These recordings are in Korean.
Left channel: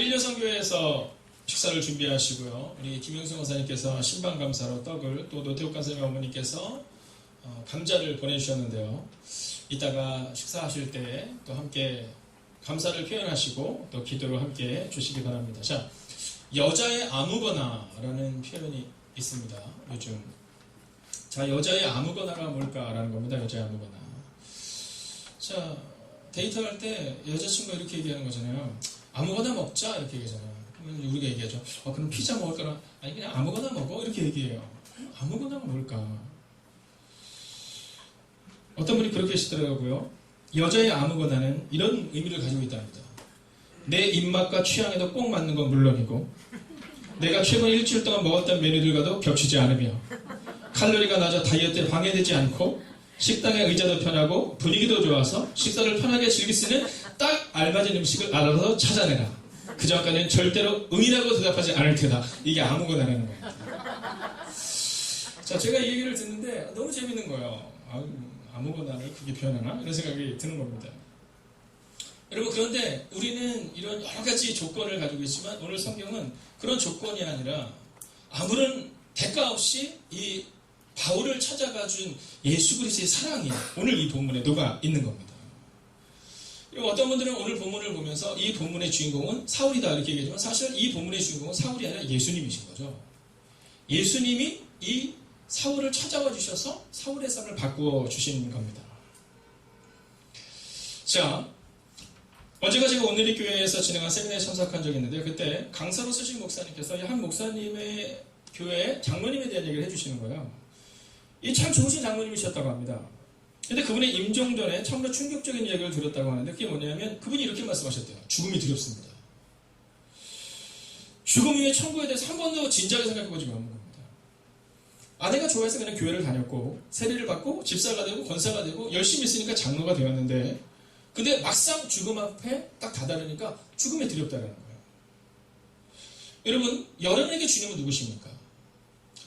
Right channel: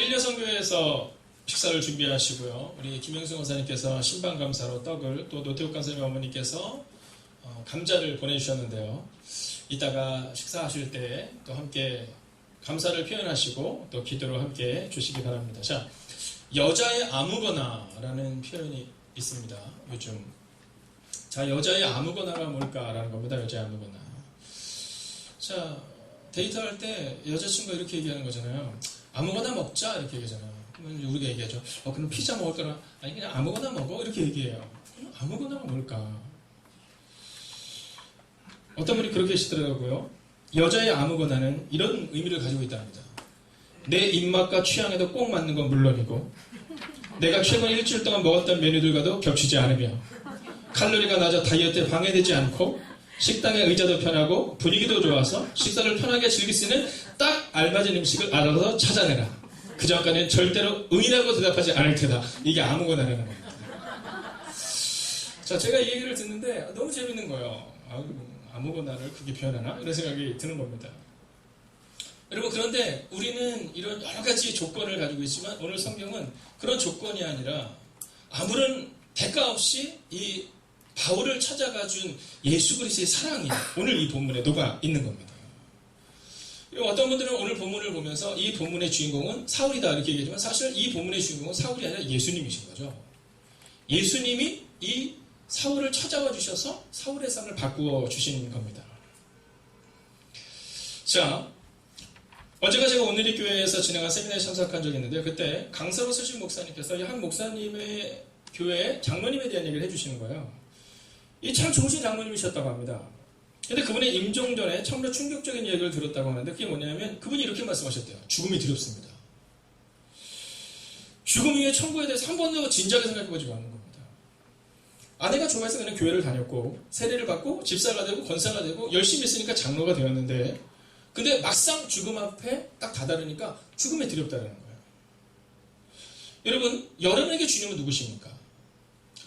오늘 일려성교회에서 식사를 준비하시고요. 우리 김영수 권사님께서 신방감사로 떡을, 또 노태욱 권사님 어머니께서 감자를 보내주셨는데요. 이따가 식사하실 때 또 함께 감사를 표현하시고 또 기도로 함께 주시기 바랍니다. 자, 여자의 아무거나라는 표현이 있습니다. 요즘. 자, 여자의 아무거나가 뭘까라는 겁니다. 여자의 아무거나. 자, 데이트할 때 여자친구가 이렇게 얘기하는 거잖아요. 아무거나 먹자 이렇게 얘기하잖아요. 그러면 우리가 얘기하죠. 그럼 피자 먹을까나? 아니 그냥 아무거나 먹어 이렇게 얘기해요. 아무거나가 뭘까? 어떤 분이 그렇게 하시더라고요. 여자의 아무거나는 이런 의미를 가지고 있답니다. 내 입맛과 취향에도 꼭 맞는 건 물론이고 내가 최근 일주일 동안 먹었던 메뉴들과도 겹치지 않으며 칼로리가 낮아 다이어트에 방해되지 않고 식당의 의자도 편하고 분위기도 좋아서 식사를 편하게 즐길 수 있는 딱 알맞은 음식을 알아서 찾아내라. 그 전까지는 절대로 응이라고 대답하지 않을 테다. 이게 아무거나라는 거예요. 자, 제가 이 얘기를 듣는데 너무 재밌는 거예요. 아무거나를 그렇게 표현하나? 이런 생각이 드는 겁니다. 여러분, 그런데 우리는 이런 여러 가지 조건을 가지고 있지만 오늘 성경은 그런 조건이 아니라 아무런 대가 없이 이 바울을 찾아가 준 예수 그리스도의 사랑이 오늘 이 본문에 녹아 있는 겁니다. 그리고 어떤 분들은 오늘 본문을 보면서 이 본문의 주인공은 사울이다 이렇게 얘기하지만 사실 이 본문의 주인공은 사울이 아니라 예수님이신 거죠. 예수님이 이 사울을 찾아와 주셔서 사울의 삶을 바꾸어 주신 겁니다. 자, 어제가 제가 오늘의 교회에서 진행한 세미나에 참석한 적이 있는데 그때 강서로 쓰신 목사님께서 이 한 목사님의 교회 장로님에 대한 얘기를 해주시는 거예요. 이 참 좋으신 장로님이셨다고 합니다. 근데 그분의 임종 전에 참으로 충격적인 이야기를 들었다고 하는데 그게 뭐냐면 그분이 이렇게 말씀하셨대요. 죽음이 두렵습니다. 죽음 이후에 천국에 대해서 한 번도 진지하게 생각해보지 않는 겁니다. 아내가 좋아해서 그냥 교회를 다녔고 세례를 받고 집사가 되고 권사가 되고 열심히 있으니까 장로가 되었는데 근데 막상 죽음 앞에 딱 다다르니까 죽음에 두렵다는 거예요. 여러분, 여러분에게 주님은 누구십니까?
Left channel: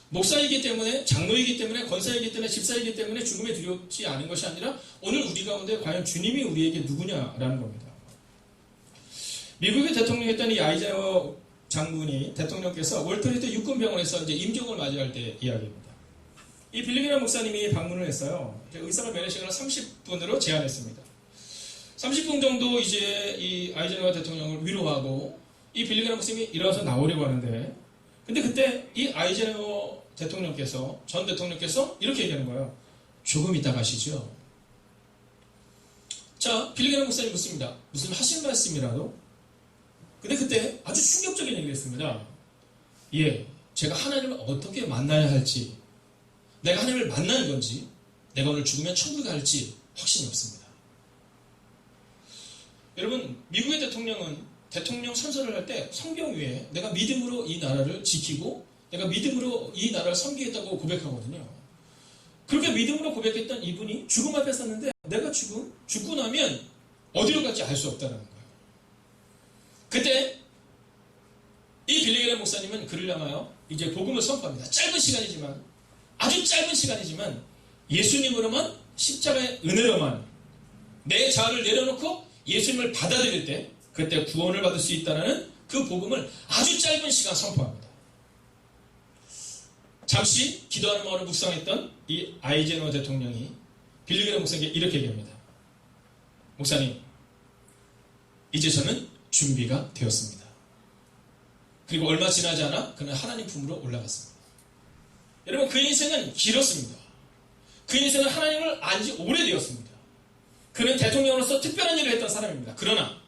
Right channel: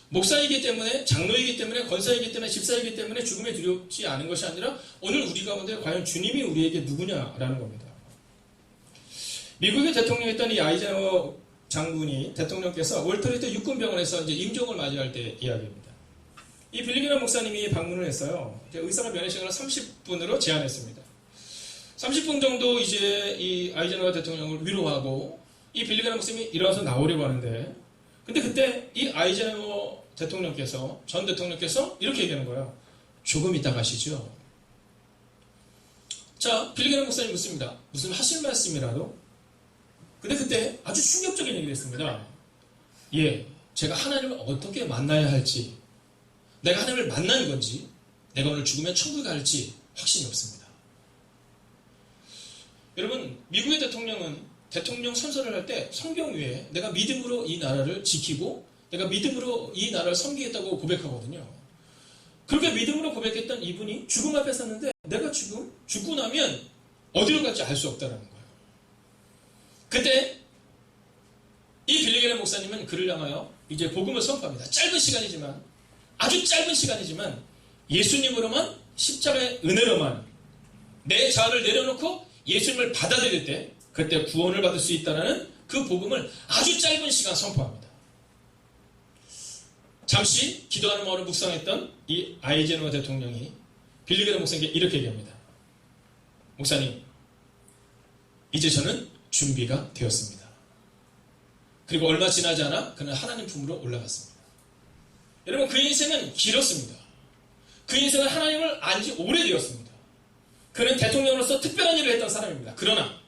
목사이기 때문에, 장로이기 때문에, 권사이기 때문에, 집사이기 때문에 죽음에 두렵지 않은 것이 아니라 오늘 우리 가운데 과연 주님이 우리에게 누구냐라는 겁니다. 미국의 대통령이었던 이 아이젠하워 장군이 대통령께서 월터리트 육군병원에서 이제 임종을 맞이할 때 이야기입니다. 이 빌리그람 목사님이 방문을 했어요. 의사가 면회 시간을 30분으로 제한했습니다. 30분 정도 이제 이 아이젠하워 대통령을 위로하고 이 빌리그람 목사님이 일어나서 나오려고 하는데 근데 그때 이 아이젠하워 대통령께서 전 대통령께서 이렇게 얘기하는 거예요. 조금 이따 가시죠. 자, 빌리그람 목사님 묻습니다. 무슨 하실 말씀이라도? 근데 그때 아주 충격적인 얘기를 했습니다. 예, 제가 하나님을 어떻게 만나야 할지 내가 하나님을 만나는 건지 내가 오늘 죽으면 천국에 갈지 확신이 없습니다. 여러분, 미국의 대통령은 대통령 선서를 할 때 성경 위에 내가 믿음으로 이 나라를 지키고 내가 믿음으로 이 나라를 섬기겠다고 고백하거든요. 그렇게 믿음으로 고백했던 이분이 죽음 앞에 섰는데 내가 죽고 나면 어디로 갈지 알 수 없다는 거예요. 그때 이 빌리그람 목사님은 그를 향하여 이제 복음을 선포합니다. 짧은 시간이지만 아주 짧은 시간이지만 예수님으로만 십자가의 은혜로만 내 자아를 내려놓고 예수님을 받아들일 때 그때 구원을 받을 수 있다는 그 복음을 아주 짧은 시간 선포합니다. 잠시 기도하는 마음으로 묵상했던 이 아이젠하워 대통령이 빌리그람 목사님께 이렇게 얘기합니다. 목사님, 이제 저는 준비가 되었습니다. 그리고 얼마 지나지 않아 그는 하나님 품으로 올라갔습니다. 여러분, 그 인생은 길었습니다. 그 인생은 하나님을 안 지 오래되었습니다. 그는 대통령으로서 특별한 일을 했던 사람입니다. 그러나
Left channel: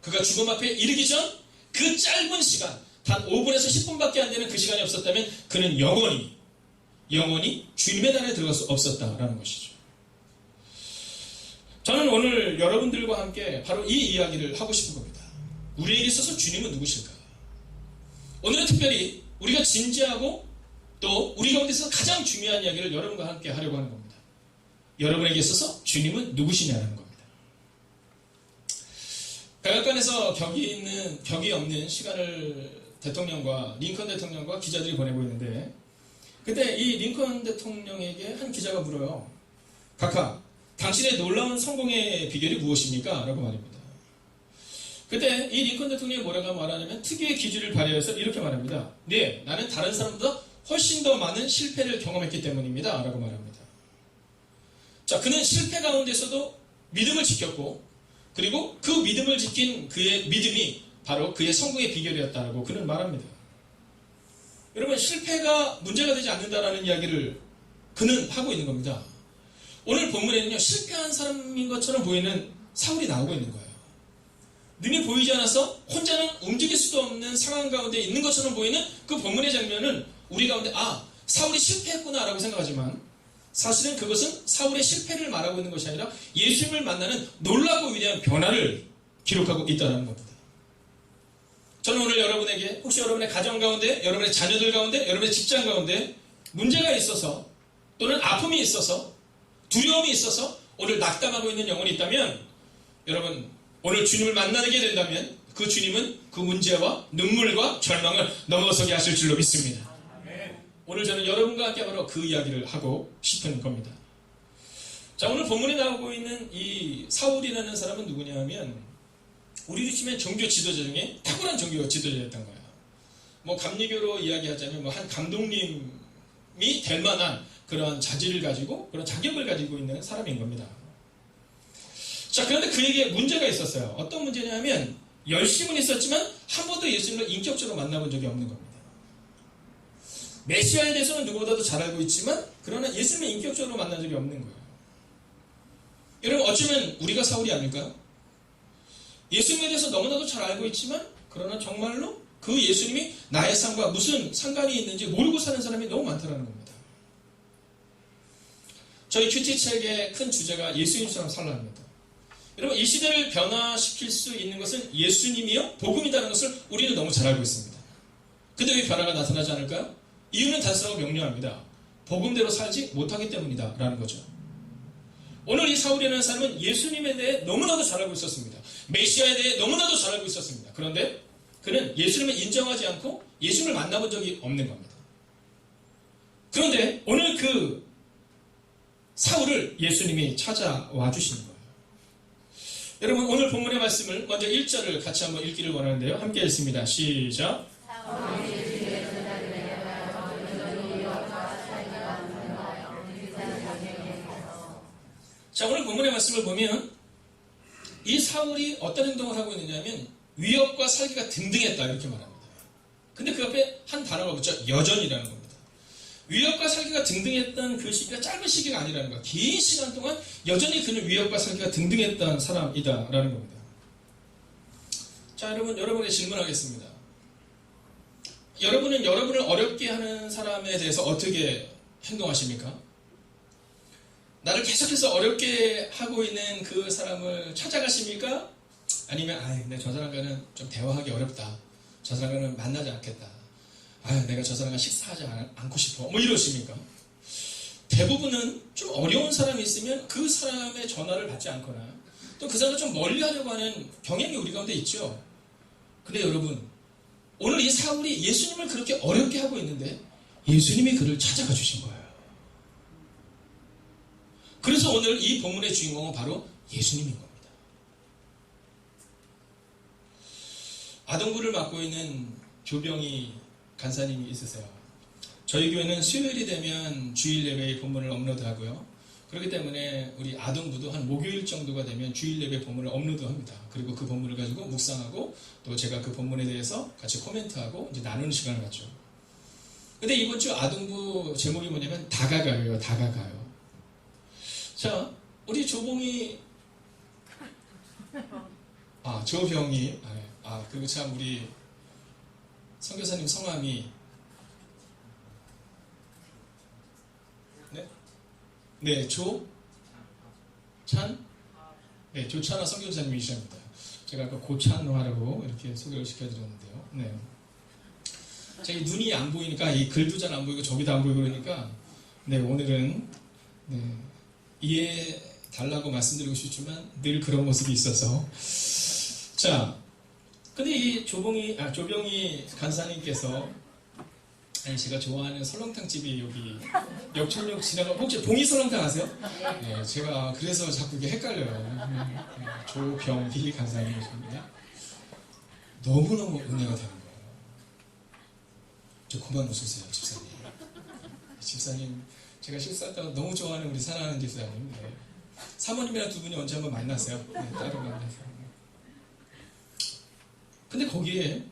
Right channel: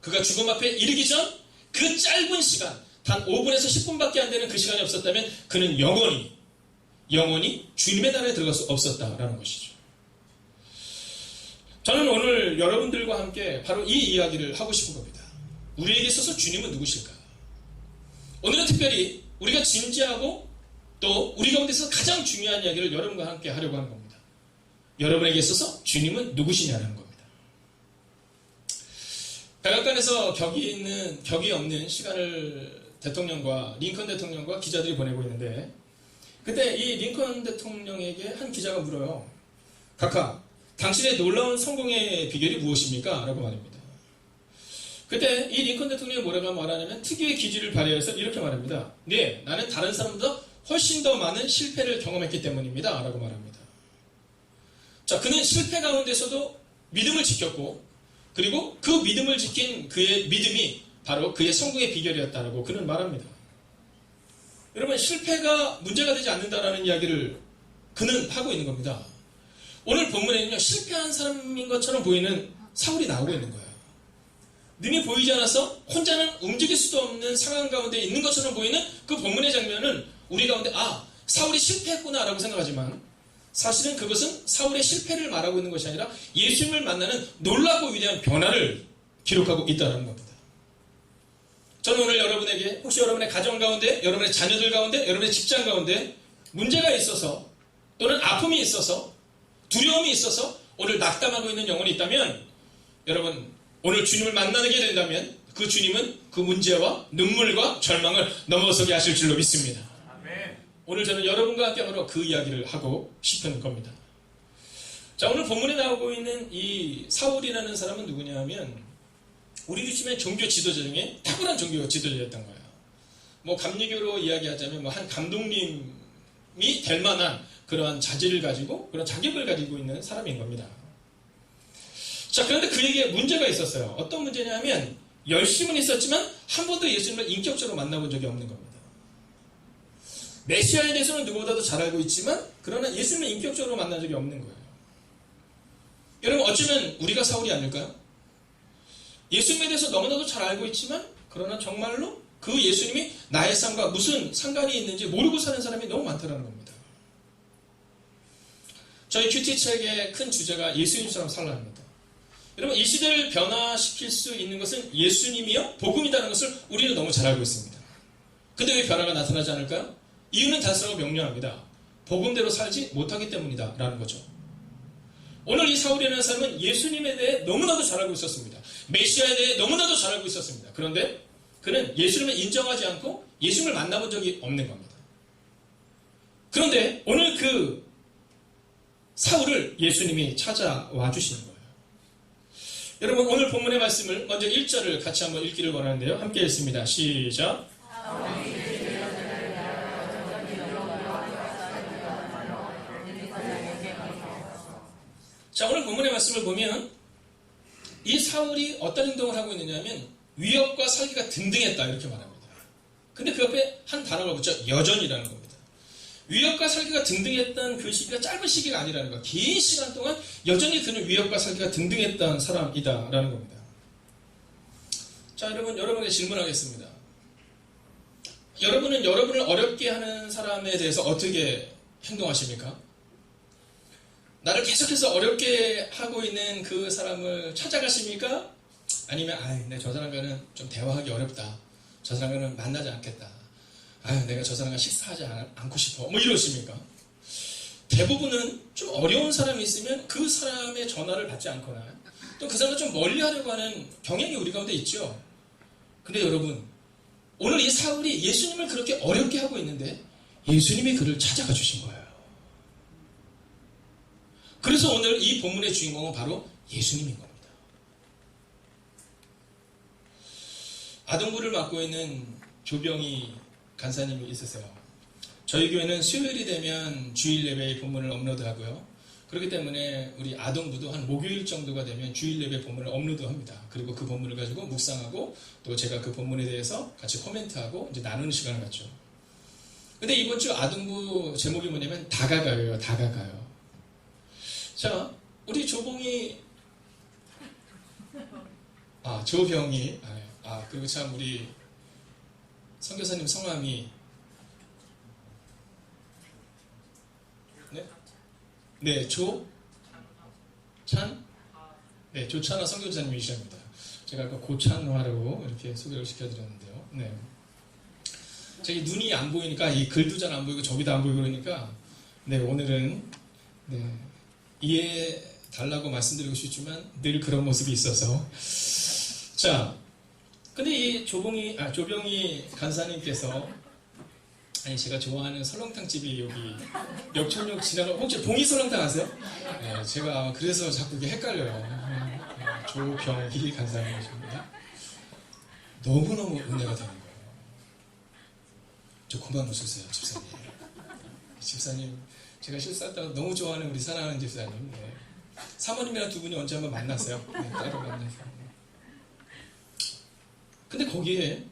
그가 죽음 앞에 이르기 전 그 짧은 시간, 단 5분에서 10분밖에 안 되는 그 시간이 없었다면 그는 영원히 주님의 나라에 들어갈 수 없었다라는 것이죠. 저는 오늘 여러분들과 함께 바로 이 이야기를 하고 싶은 겁니다. 우리에게 있어서 주님은 누구실까? 오늘은 특별히 우리가 진지하고 또 우리 가운데서 가장 중요한 이야기를 여러분과 함께 하려고 하는 겁니다. 여러분에게 있어서 주님은 누구시냐는 겁니다. 백악관에서 격이 없는 시간을 링컨 대통령과 기자들이 보내고 있는데 그때 이 링컨 대통령에게 한 기자가 물어요. 각하, 당신의 놀라운 성공의 비결이 무엇입니까? 라고 말입니다. 그때 이 링컨 대통령이 뭐라고 말하냐면 특유의 기질을 발휘해서 이렇게 말합니다. 네, 나는 다른 사람보다 훨씬 더 많은 실패를 경험했기 때문입니다. 라고 말합니다. 자, 그는 실패 가운데서도 믿음을 지켰고, 그리고 그 믿음을 지킨 그의 믿음이 바로 그의 성공의 비결이었다고 그는 말합니다. 여러분, 실패가 문제가 되지 않는다라는 이야기를 그는 하고 있는 겁니다. 오늘 본문에는요, 실패한 사람인 것처럼 보이는 사울이 나오고 있는 거예요. 능히 보이지 않아서 혼자는 움직일 수도 없는 상황 가운데 있는 것처럼 보이는 그 본문의 장면은 우리 가운데 사울이 실패했구나 라고 생각하지만 사실은 그것은 사울의 실패를 말하고 있는 것이 아니라 예수님을 만나는 놀라고 위대한 변화를 기록하고 있다는 겁니다. 저는 오늘 여러분에게 혹시 여러분의 가정 가운데, 여러분의 자녀들 가운데, 여러분의 직장 가운데 문제가 있어서 또는 아픔이 있어서 두려움이 있어서 오늘 낙담하고 있는 영혼이 있다면 여러분 오늘 주님을 만나게 된다면 그 주님은 그 문제와 눈물과 절망을 넘어서게 하실 줄로 믿습니다. 아멘. 오늘 저는 여러분과 함께 바로 그 이야기를 하고 싶은 겁니다. 자, 오늘 본문에 나오고 있는 이 사울이라는 사람은 누구냐 하면 우리로 치면 종교 지도자 중에 탁월한 종교 지도자였던 거예요. 뭐 감리교로 이야기하자면 뭐 한 감독님이 될 만한 그러한 자질을 가지고 그런 자격을 가지고 있는 사람인 겁니다. 자, 그런데 그에게 문제가 있었어요. 어떤 문제냐면 열심은 있었지만 한 번도 예수님을 인격적으로 만나본 적이 없는 겁니다. 메시아에 대해서는 누구보다도 잘 알고 있지만 그러나 예수님을 인격적으로 만난 적이 없는 거예요. 여러분, 어쩌면 우리가 사울이 아닐까요? 예수님에 대해서 너무나도 잘 알고 있지만 그러나 정말로 그 예수님이 나의 삶과 무슨 상관이 있는지 모르고 사는 사람이 너무 많다는 겁니다. 저희 큐티 책의 큰 주제가 예수님처럼 살라입니다. 여러분, 이 시대를 변화시킬 수 있는 것은 예수님이요 복음이라는 것을 우리는 너무 잘 알고 있습니다. 근데 왜 변화가 나타나지 않을까요? 이유는 단순하고 명료합니다. 복음대로 살지 못하기 때문이다 라는 거죠. 오늘 이 사울이라는 사람은 예수님에 대해 너무나도 잘 알고 있었습니다. 메시아에 대해 너무나도 잘 알고 있었습니다. 그런데 그는 예수님을 인정하지 않고 예수님을 만나본 적이 없는 겁니다. 그런데 오늘 그 사울을 예수님이 찾아와 주시는 거예요. 여러분, 오늘 본문의 말씀을 먼저 1절을 같이 한번 읽기를 원하는데요. 함께 읽습니다. 시작. 자, 오늘 본문의 말씀을 보면 이 사울이 어떤 행동을 하고 있느냐면 위협과 살기가 등등했다 이렇게 말합니다. 근데 그 옆에 한 단어가 붙죠. 여전이라는 겁니다. 위협과 살기가 등등했던 그 시기가 짧은 시기가 아니라는 거. 긴 시간 동안 여전히 그는 위협과 살기가 등등했던 사람이다라는 겁니다. 자, 여러분에게 질문하겠습니다. 여러분은 여러분을 어렵게 하는 사람에 대해서 어떻게 행동하십니까? 나를 계속해서 어렵게 하고 있는 그 사람을 찾아가십니까? 아니면 저 사람과는 좀 대화하기 어렵다. 저 사람과는 만나지 않겠다. 내가 저 사람과 식사하지 않고 싶어. 뭐 이러십니까? 대부분은 좀 어려운 사람이 있으면 그 사람의 전화를 받지 않거나 또 그 사람을 좀 멀리 하려고 하는 경향이 우리 가운데 있죠. 근데 여러분, 오늘 이 사울이 예수님을 그렇게 어렵게 하고 있는데 예수님이 그를 찾아가 주신 거예요. 그래서 오늘 이 본문의 주인공은 바로 예수님인 겁니다. 아동부를 맡고 있는 조병희 간사님이 있으세요. 저희 교회는 수요일이 되면 주일 예배의 본문을 업로드하고요. 그렇기 때문에 우리 아동부도 한 목요일 정도가 되면 주일 예배 본문을 업로드합니다. 그리고 그 본문을 가지고 묵상하고 또 제가 그 본문에 대해서 같이 코멘트하고 이제 나누는 시간을 갖죠. 근데 이번 주 아동부 제목이 뭐냐면 다가가요. 다가가요. 자, 우리 조병이 조병이 그리고 참 우리 선교사님 성함이 조찬화 선교사님이십니다. 제가 아까 고찬화라고 이렇게 소개를 시켜드렸는데요. 제가 눈이 안 보이니까 이 글도 잘 안 보이고 저기도 안 보이고 그러니까 오늘은 이해해 달라고 말씀드리고 싶지만 늘 그런 모습이 있어서 자, 근데 이 조병희 간사님께서 제가 좋아하는 설렁탕집이 여기 역촌역 지나가 혹시 봉이 설렁탕 아세요? 네, 제가 그래서 자꾸 이게 헷갈려요. 조병희 간사님이십니다. 너무너무 은혜가 되는 거예요. 저 그만 웃으세요, 집사님. 집사님, 제가 실수했다고 너무 좋아하는 우리 사랑하는 집사님. 네. 사모님이랑 두 분이 언제 한번 만나세요. 네, 따로 만나서. 근데 거기에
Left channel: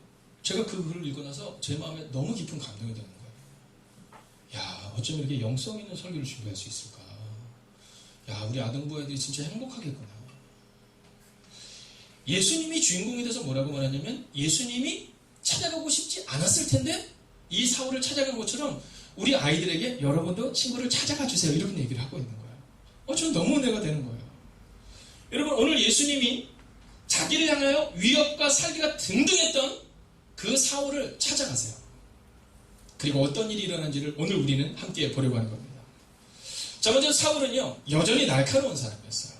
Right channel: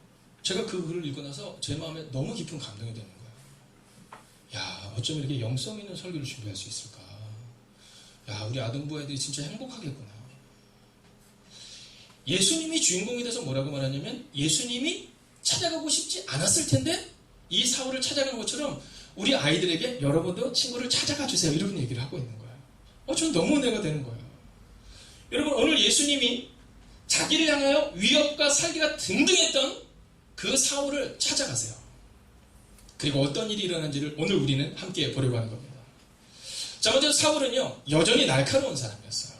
제가 그 글을 읽고 나서 제 마음에 너무 깊은 감동이 되는 거예요. 야, 어쩜 이렇게 영성 있는 설교를 준비할 수 있을까? 야, 우리 아동부 애들이 진짜 행복하겠구나. 예수님이 주인공이 돼서 뭐라고 말하냐면 예수님이 찾아가고 싶지 않았을 텐데 이 사울을 찾아간 것처럼 우리 아이들에게 여러분도 친구를 찾아가 주세요. 이런 얘기를 하고 있는 거예요. 저는 너무 은혜가 되는 거예요. 여러분, 오늘 예수님이 자기를 향하여 위협과 살기가 등등했던 그 사울을 찾아가세요. 그리고 어떤 일이 일어난지를 오늘 우리는 함께 보려고 하는 겁니다. 자, 먼저 사울은요, 여전히 날카로운 사람이었어요.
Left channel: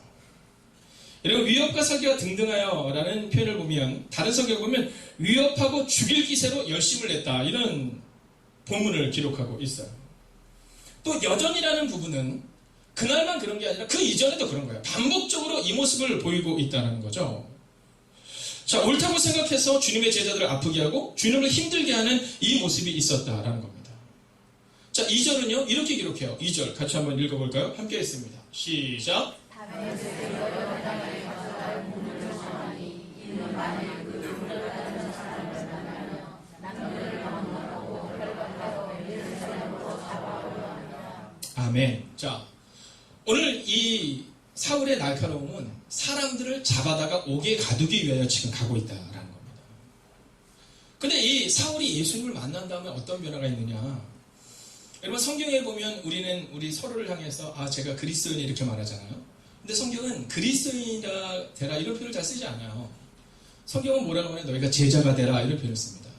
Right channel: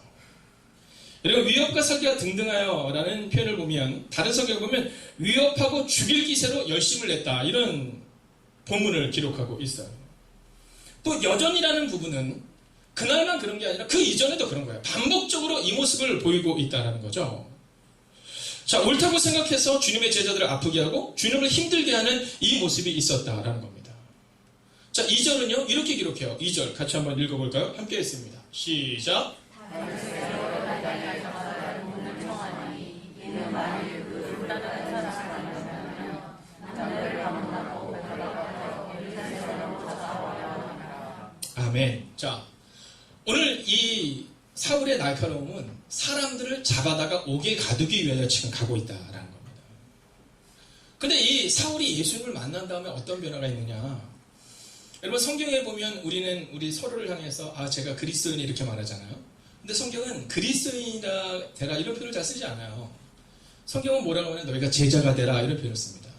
그리고 위협과 살기가 등등하여 라는 표현을 보면, 다른 성경을 보면 위협하고 죽일 기세로 열심을 냈다, 이런 본문을 기록하고 있어요. 또 여전이라는 부분은 그날만 그런 게 아니라 그 이전에도 그런 거예요. 반복적으로 이 모습을 보이고 있다는 거죠. 자, 옳다고 생각해서 주님의 제자들을 아프게 하고 주님을 힘들게 하는 이 모습이 있었다라는 겁니다. 자, 2절은요, 이렇게 기록해요. 2절 같이 한번 읽어볼까요? 함께 했습니다. 시작. 아멘. 자, 오늘 이 사울의 날카로움은 사람들을 잡아다가 옥에 가두기 위하여 지금 가고 있다라는 겁니다. 근데 이 사울이 예수님을 만난 다음에 어떤 변화가 있느냐? 여러분, 성경에 보면 우리 서로를 향해서 제가 그리스도인 이렇게 말하잖아요. 근데 성경은 그리스도인이라 되라 이런 표현을 잘 쓰지 않아요. 성경은 뭐라고 하냐면 너희가 제자가 되라 이런 표현을 씁니다.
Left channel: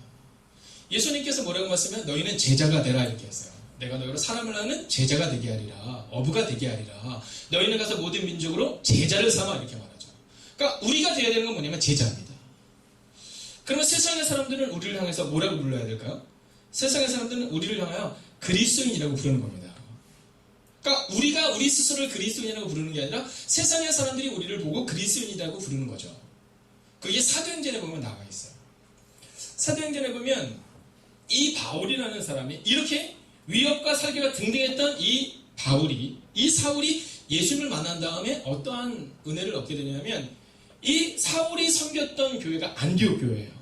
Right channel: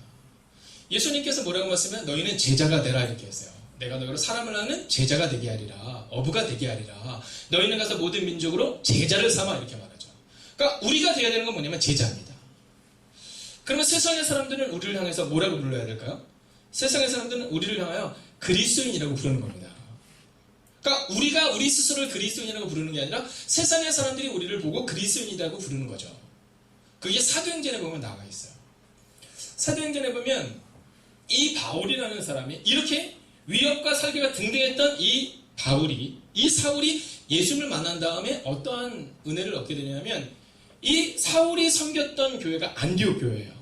예수님께서 뭐라고 말씀하면 너희는 제자가 되라 이렇게 했어요. 내가 너희로 사람을 낳는 제자가 되게 하리라. 어부가 되게 하리라. 너희는 가서 모든 민족으로 제자를 삼아 이렇게 말하죠. 그러니까 우리가 되어야 되는 건 뭐냐면 제자입니다. 그러면 세상의 사람들은 우리를 향해서 뭐라고 불러야 될까요? 세상의 사람들은 우리를 향하여 그리스도인이라고 부르는 겁니다. 그러니까 우리가 우리 스스로를 그리스도인이라고 부르는 게 아니라 세상의 사람들이 우리를 보고 그리스도인이라고 부르는 거죠. 그게 사도행전에 보면 나와 있어요. 사도행전에 보면 이 바울이라는 사람이 이렇게 위협과 살기가 등등했던 이 사울이 예수님을 만난 다음에 어떠한 은혜를 얻게 되냐면 이 사울이 섬겼던 교회가 안디옥 교회예요.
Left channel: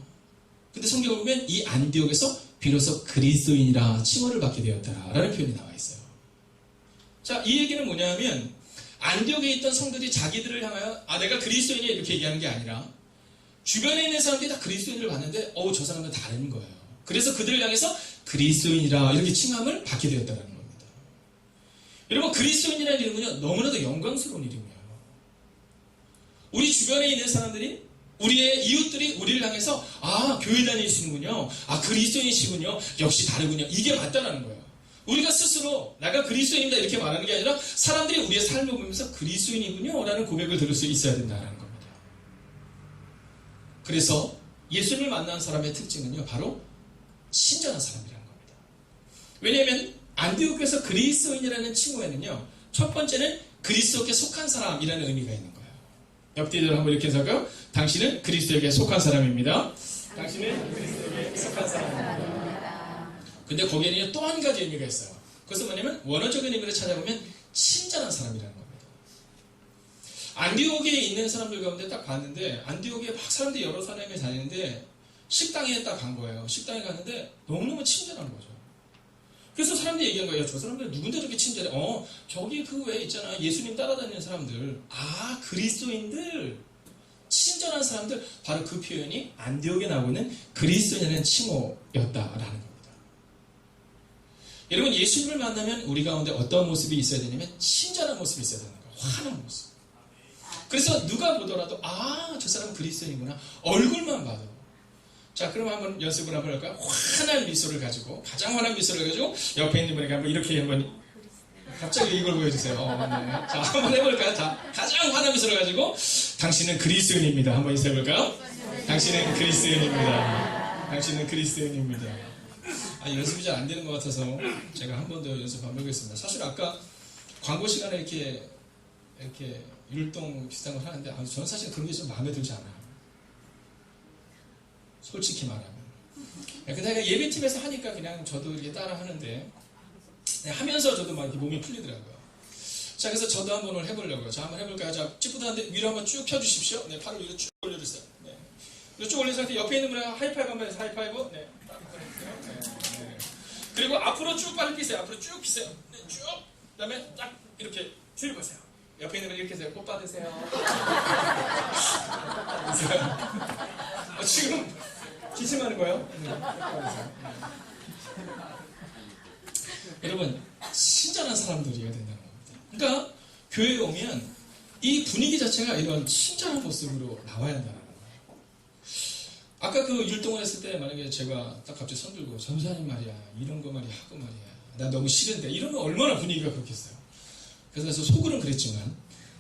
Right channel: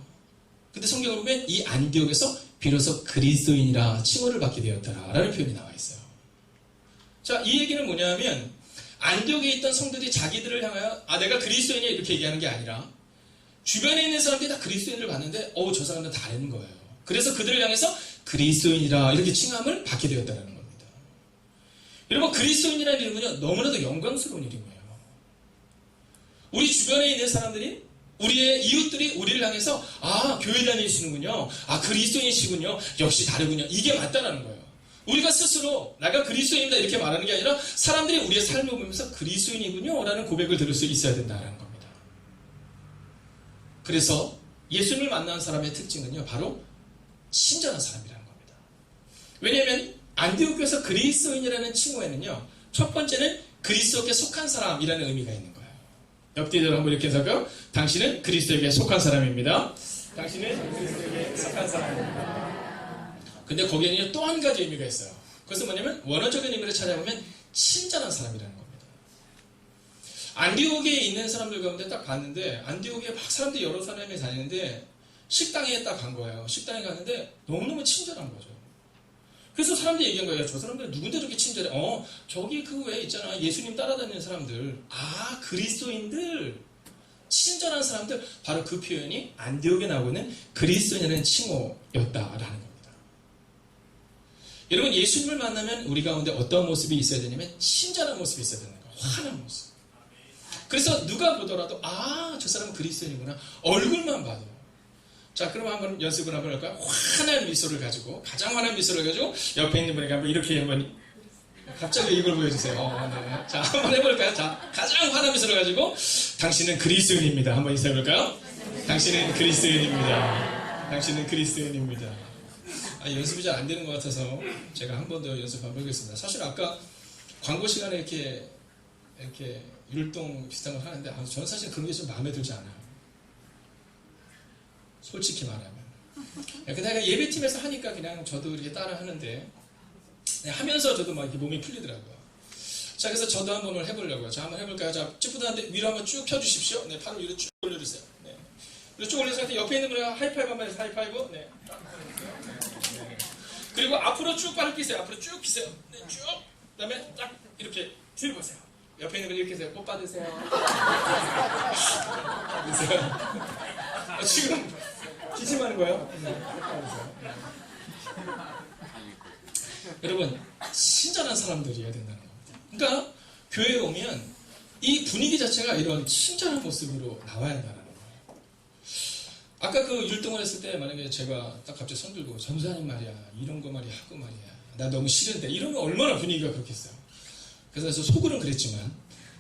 근데 성경을 보면 이 안디옥에서 비로소 그리스도인이라 칭호를 받게 되었다라는 표현이 나와 있어요. 자, 이 얘기는 뭐냐면 안디옥에 있던 성도들이 자기들을 향하여 내가 그리스도인이야 이렇게 얘기하는 게 아니라 주변에 있는 사람들이 다 그리스도인을 봤는데 저 사람은 다른 거예요. 그래서 그들을 향해서 그리스도인이라 이렇게 칭함을 받게 되었다는 겁니다. 여러분, 그리스도인이라는 이름은요, 너무나도 영광스러운 이름이에요. 우리 주변에 있는 사람들이, 우리의 이웃들이 우리를 향해서 교회 다니시는군요. 그리스도인이시군요. 역시 다르군요. 이게 맞다라는 거예요. 우리가 스스로 내가 그리스도인이다 이렇게 말하는 게 아니라 사람들이 우리의 삶을 보면서 그리스도인이군요 라는 고백을 들을 수 있어야 된다는 겁니다. 그래서 예수님을 만난 사람의 특징은요, 바로 신전한 사람이라는 겁니다. 왜냐하면 안디옥에서 그리스도인이라는 칭호에는요, 첫 번째는 그리스도께 속한 사람이라는 의미가 있는 거예요. 옆뒤를 한번 이렇게 해서요, 당신은 그리스도에게 속한 사람입니다. 당신은 그리스도에게 속한 사람입니다. 근데 거기에는 또 한 가지 의미가 있어요. 그것은 뭐냐면 원어적인 의미를 찾아보면 친절한 사람이라는 겁니다. 안디옥에 있는 사람들 가운데 딱 봤는데 안디옥에 막 사람들이 여러 사람이 다니는데 식당에 딱 간 거예요. 식당에 갔는데 너무너무 친절한 거죠. 그래서 사람들이 얘기한 거예요. 저 사람들 누군데 저렇게 친절해? 저기 그 외에 있잖아. 예수님 따라다니는 사람들. 그리스도인들. 친절한 사람들. 바로 그 표현이 안디옥에 나오고 있는 그리스도인이라는 칭호였다라는 겁니다. 여러분, 예수님을 만나면 우리 가운데 어떤 모습이 있어야 되냐면 친절한 모습이 있어야 되는 거예요. 환한 모습. 그래서 누가 보더라도 저 사람은 그리스도인이구나. 얼굴만 봐도. 자, 그럼 한번 연습을 한번 할까요? 환한 미소를 가지고, 가장 환한 미소를 가지고 옆에 있는 분에게 한번 이렇게 한번 갑자기 이걸 보여주세요. 네. 자, 한번 해볼까요? 자, 가장 환한 미소를 가지고 당신은 그리스도인입니다. 한번 인사해볼까요? 당신은 그리스도인입니다. 당신은 그리스도인입니다. 연습이 잘 안 되는 것 같아서 제가 한 번 더 연습 한번 해보겠습니다. 사실 아까 광고 시간에 이렇게 율동 비슷한 걸 하는데 저는 사실 그런 게 좀 마음에 들지 않아요. 솔직히 말하면. 근데 내가 예배팀에서 하니까 그냥 저도 이렇게 따라 하는데, 네, 하면서 저도 막 이렇게 몸이 풀리더라고요. 자, 그래서 저도 한번 오늘 해보려고요. 자, 한번 해볼까요? 자, 찌뿌드한데 위로 한번 쭉 펴주십시오. 네, 팔을 위로 쭉 올려주세요. 네. 위로 쭉 올려서 옆에 있는 분이랑 하이파이브 한번 해서 하이파이브. 네. 네. 그리고 앞으로 쭉 발을 피세요. 앞으로 쭉 피세요. 네, 쭉. 그 다음에 딱 이렇게 뒤를 보세요. 옆에 있는 분 이렇게 해서 꽃 받으세요. 지금 기침하는 거예요? 네. 여러분, 친절한 사람들이어야 된다는 겁니다. 그러니까 교회에 오면 이 분위기 자체가 이런 친절한 모습으로 나와야 한다는 거예요. 아까 그 율동을 했을 때 만약에 제가 딱 갑자기 손 들고 전사님 말이야 이런 거 말이야 하고 말이야 난 너무 싫은데 이러면 얼마나 분위기가 그렇겠어요. 그래서 속으로는 그랬지만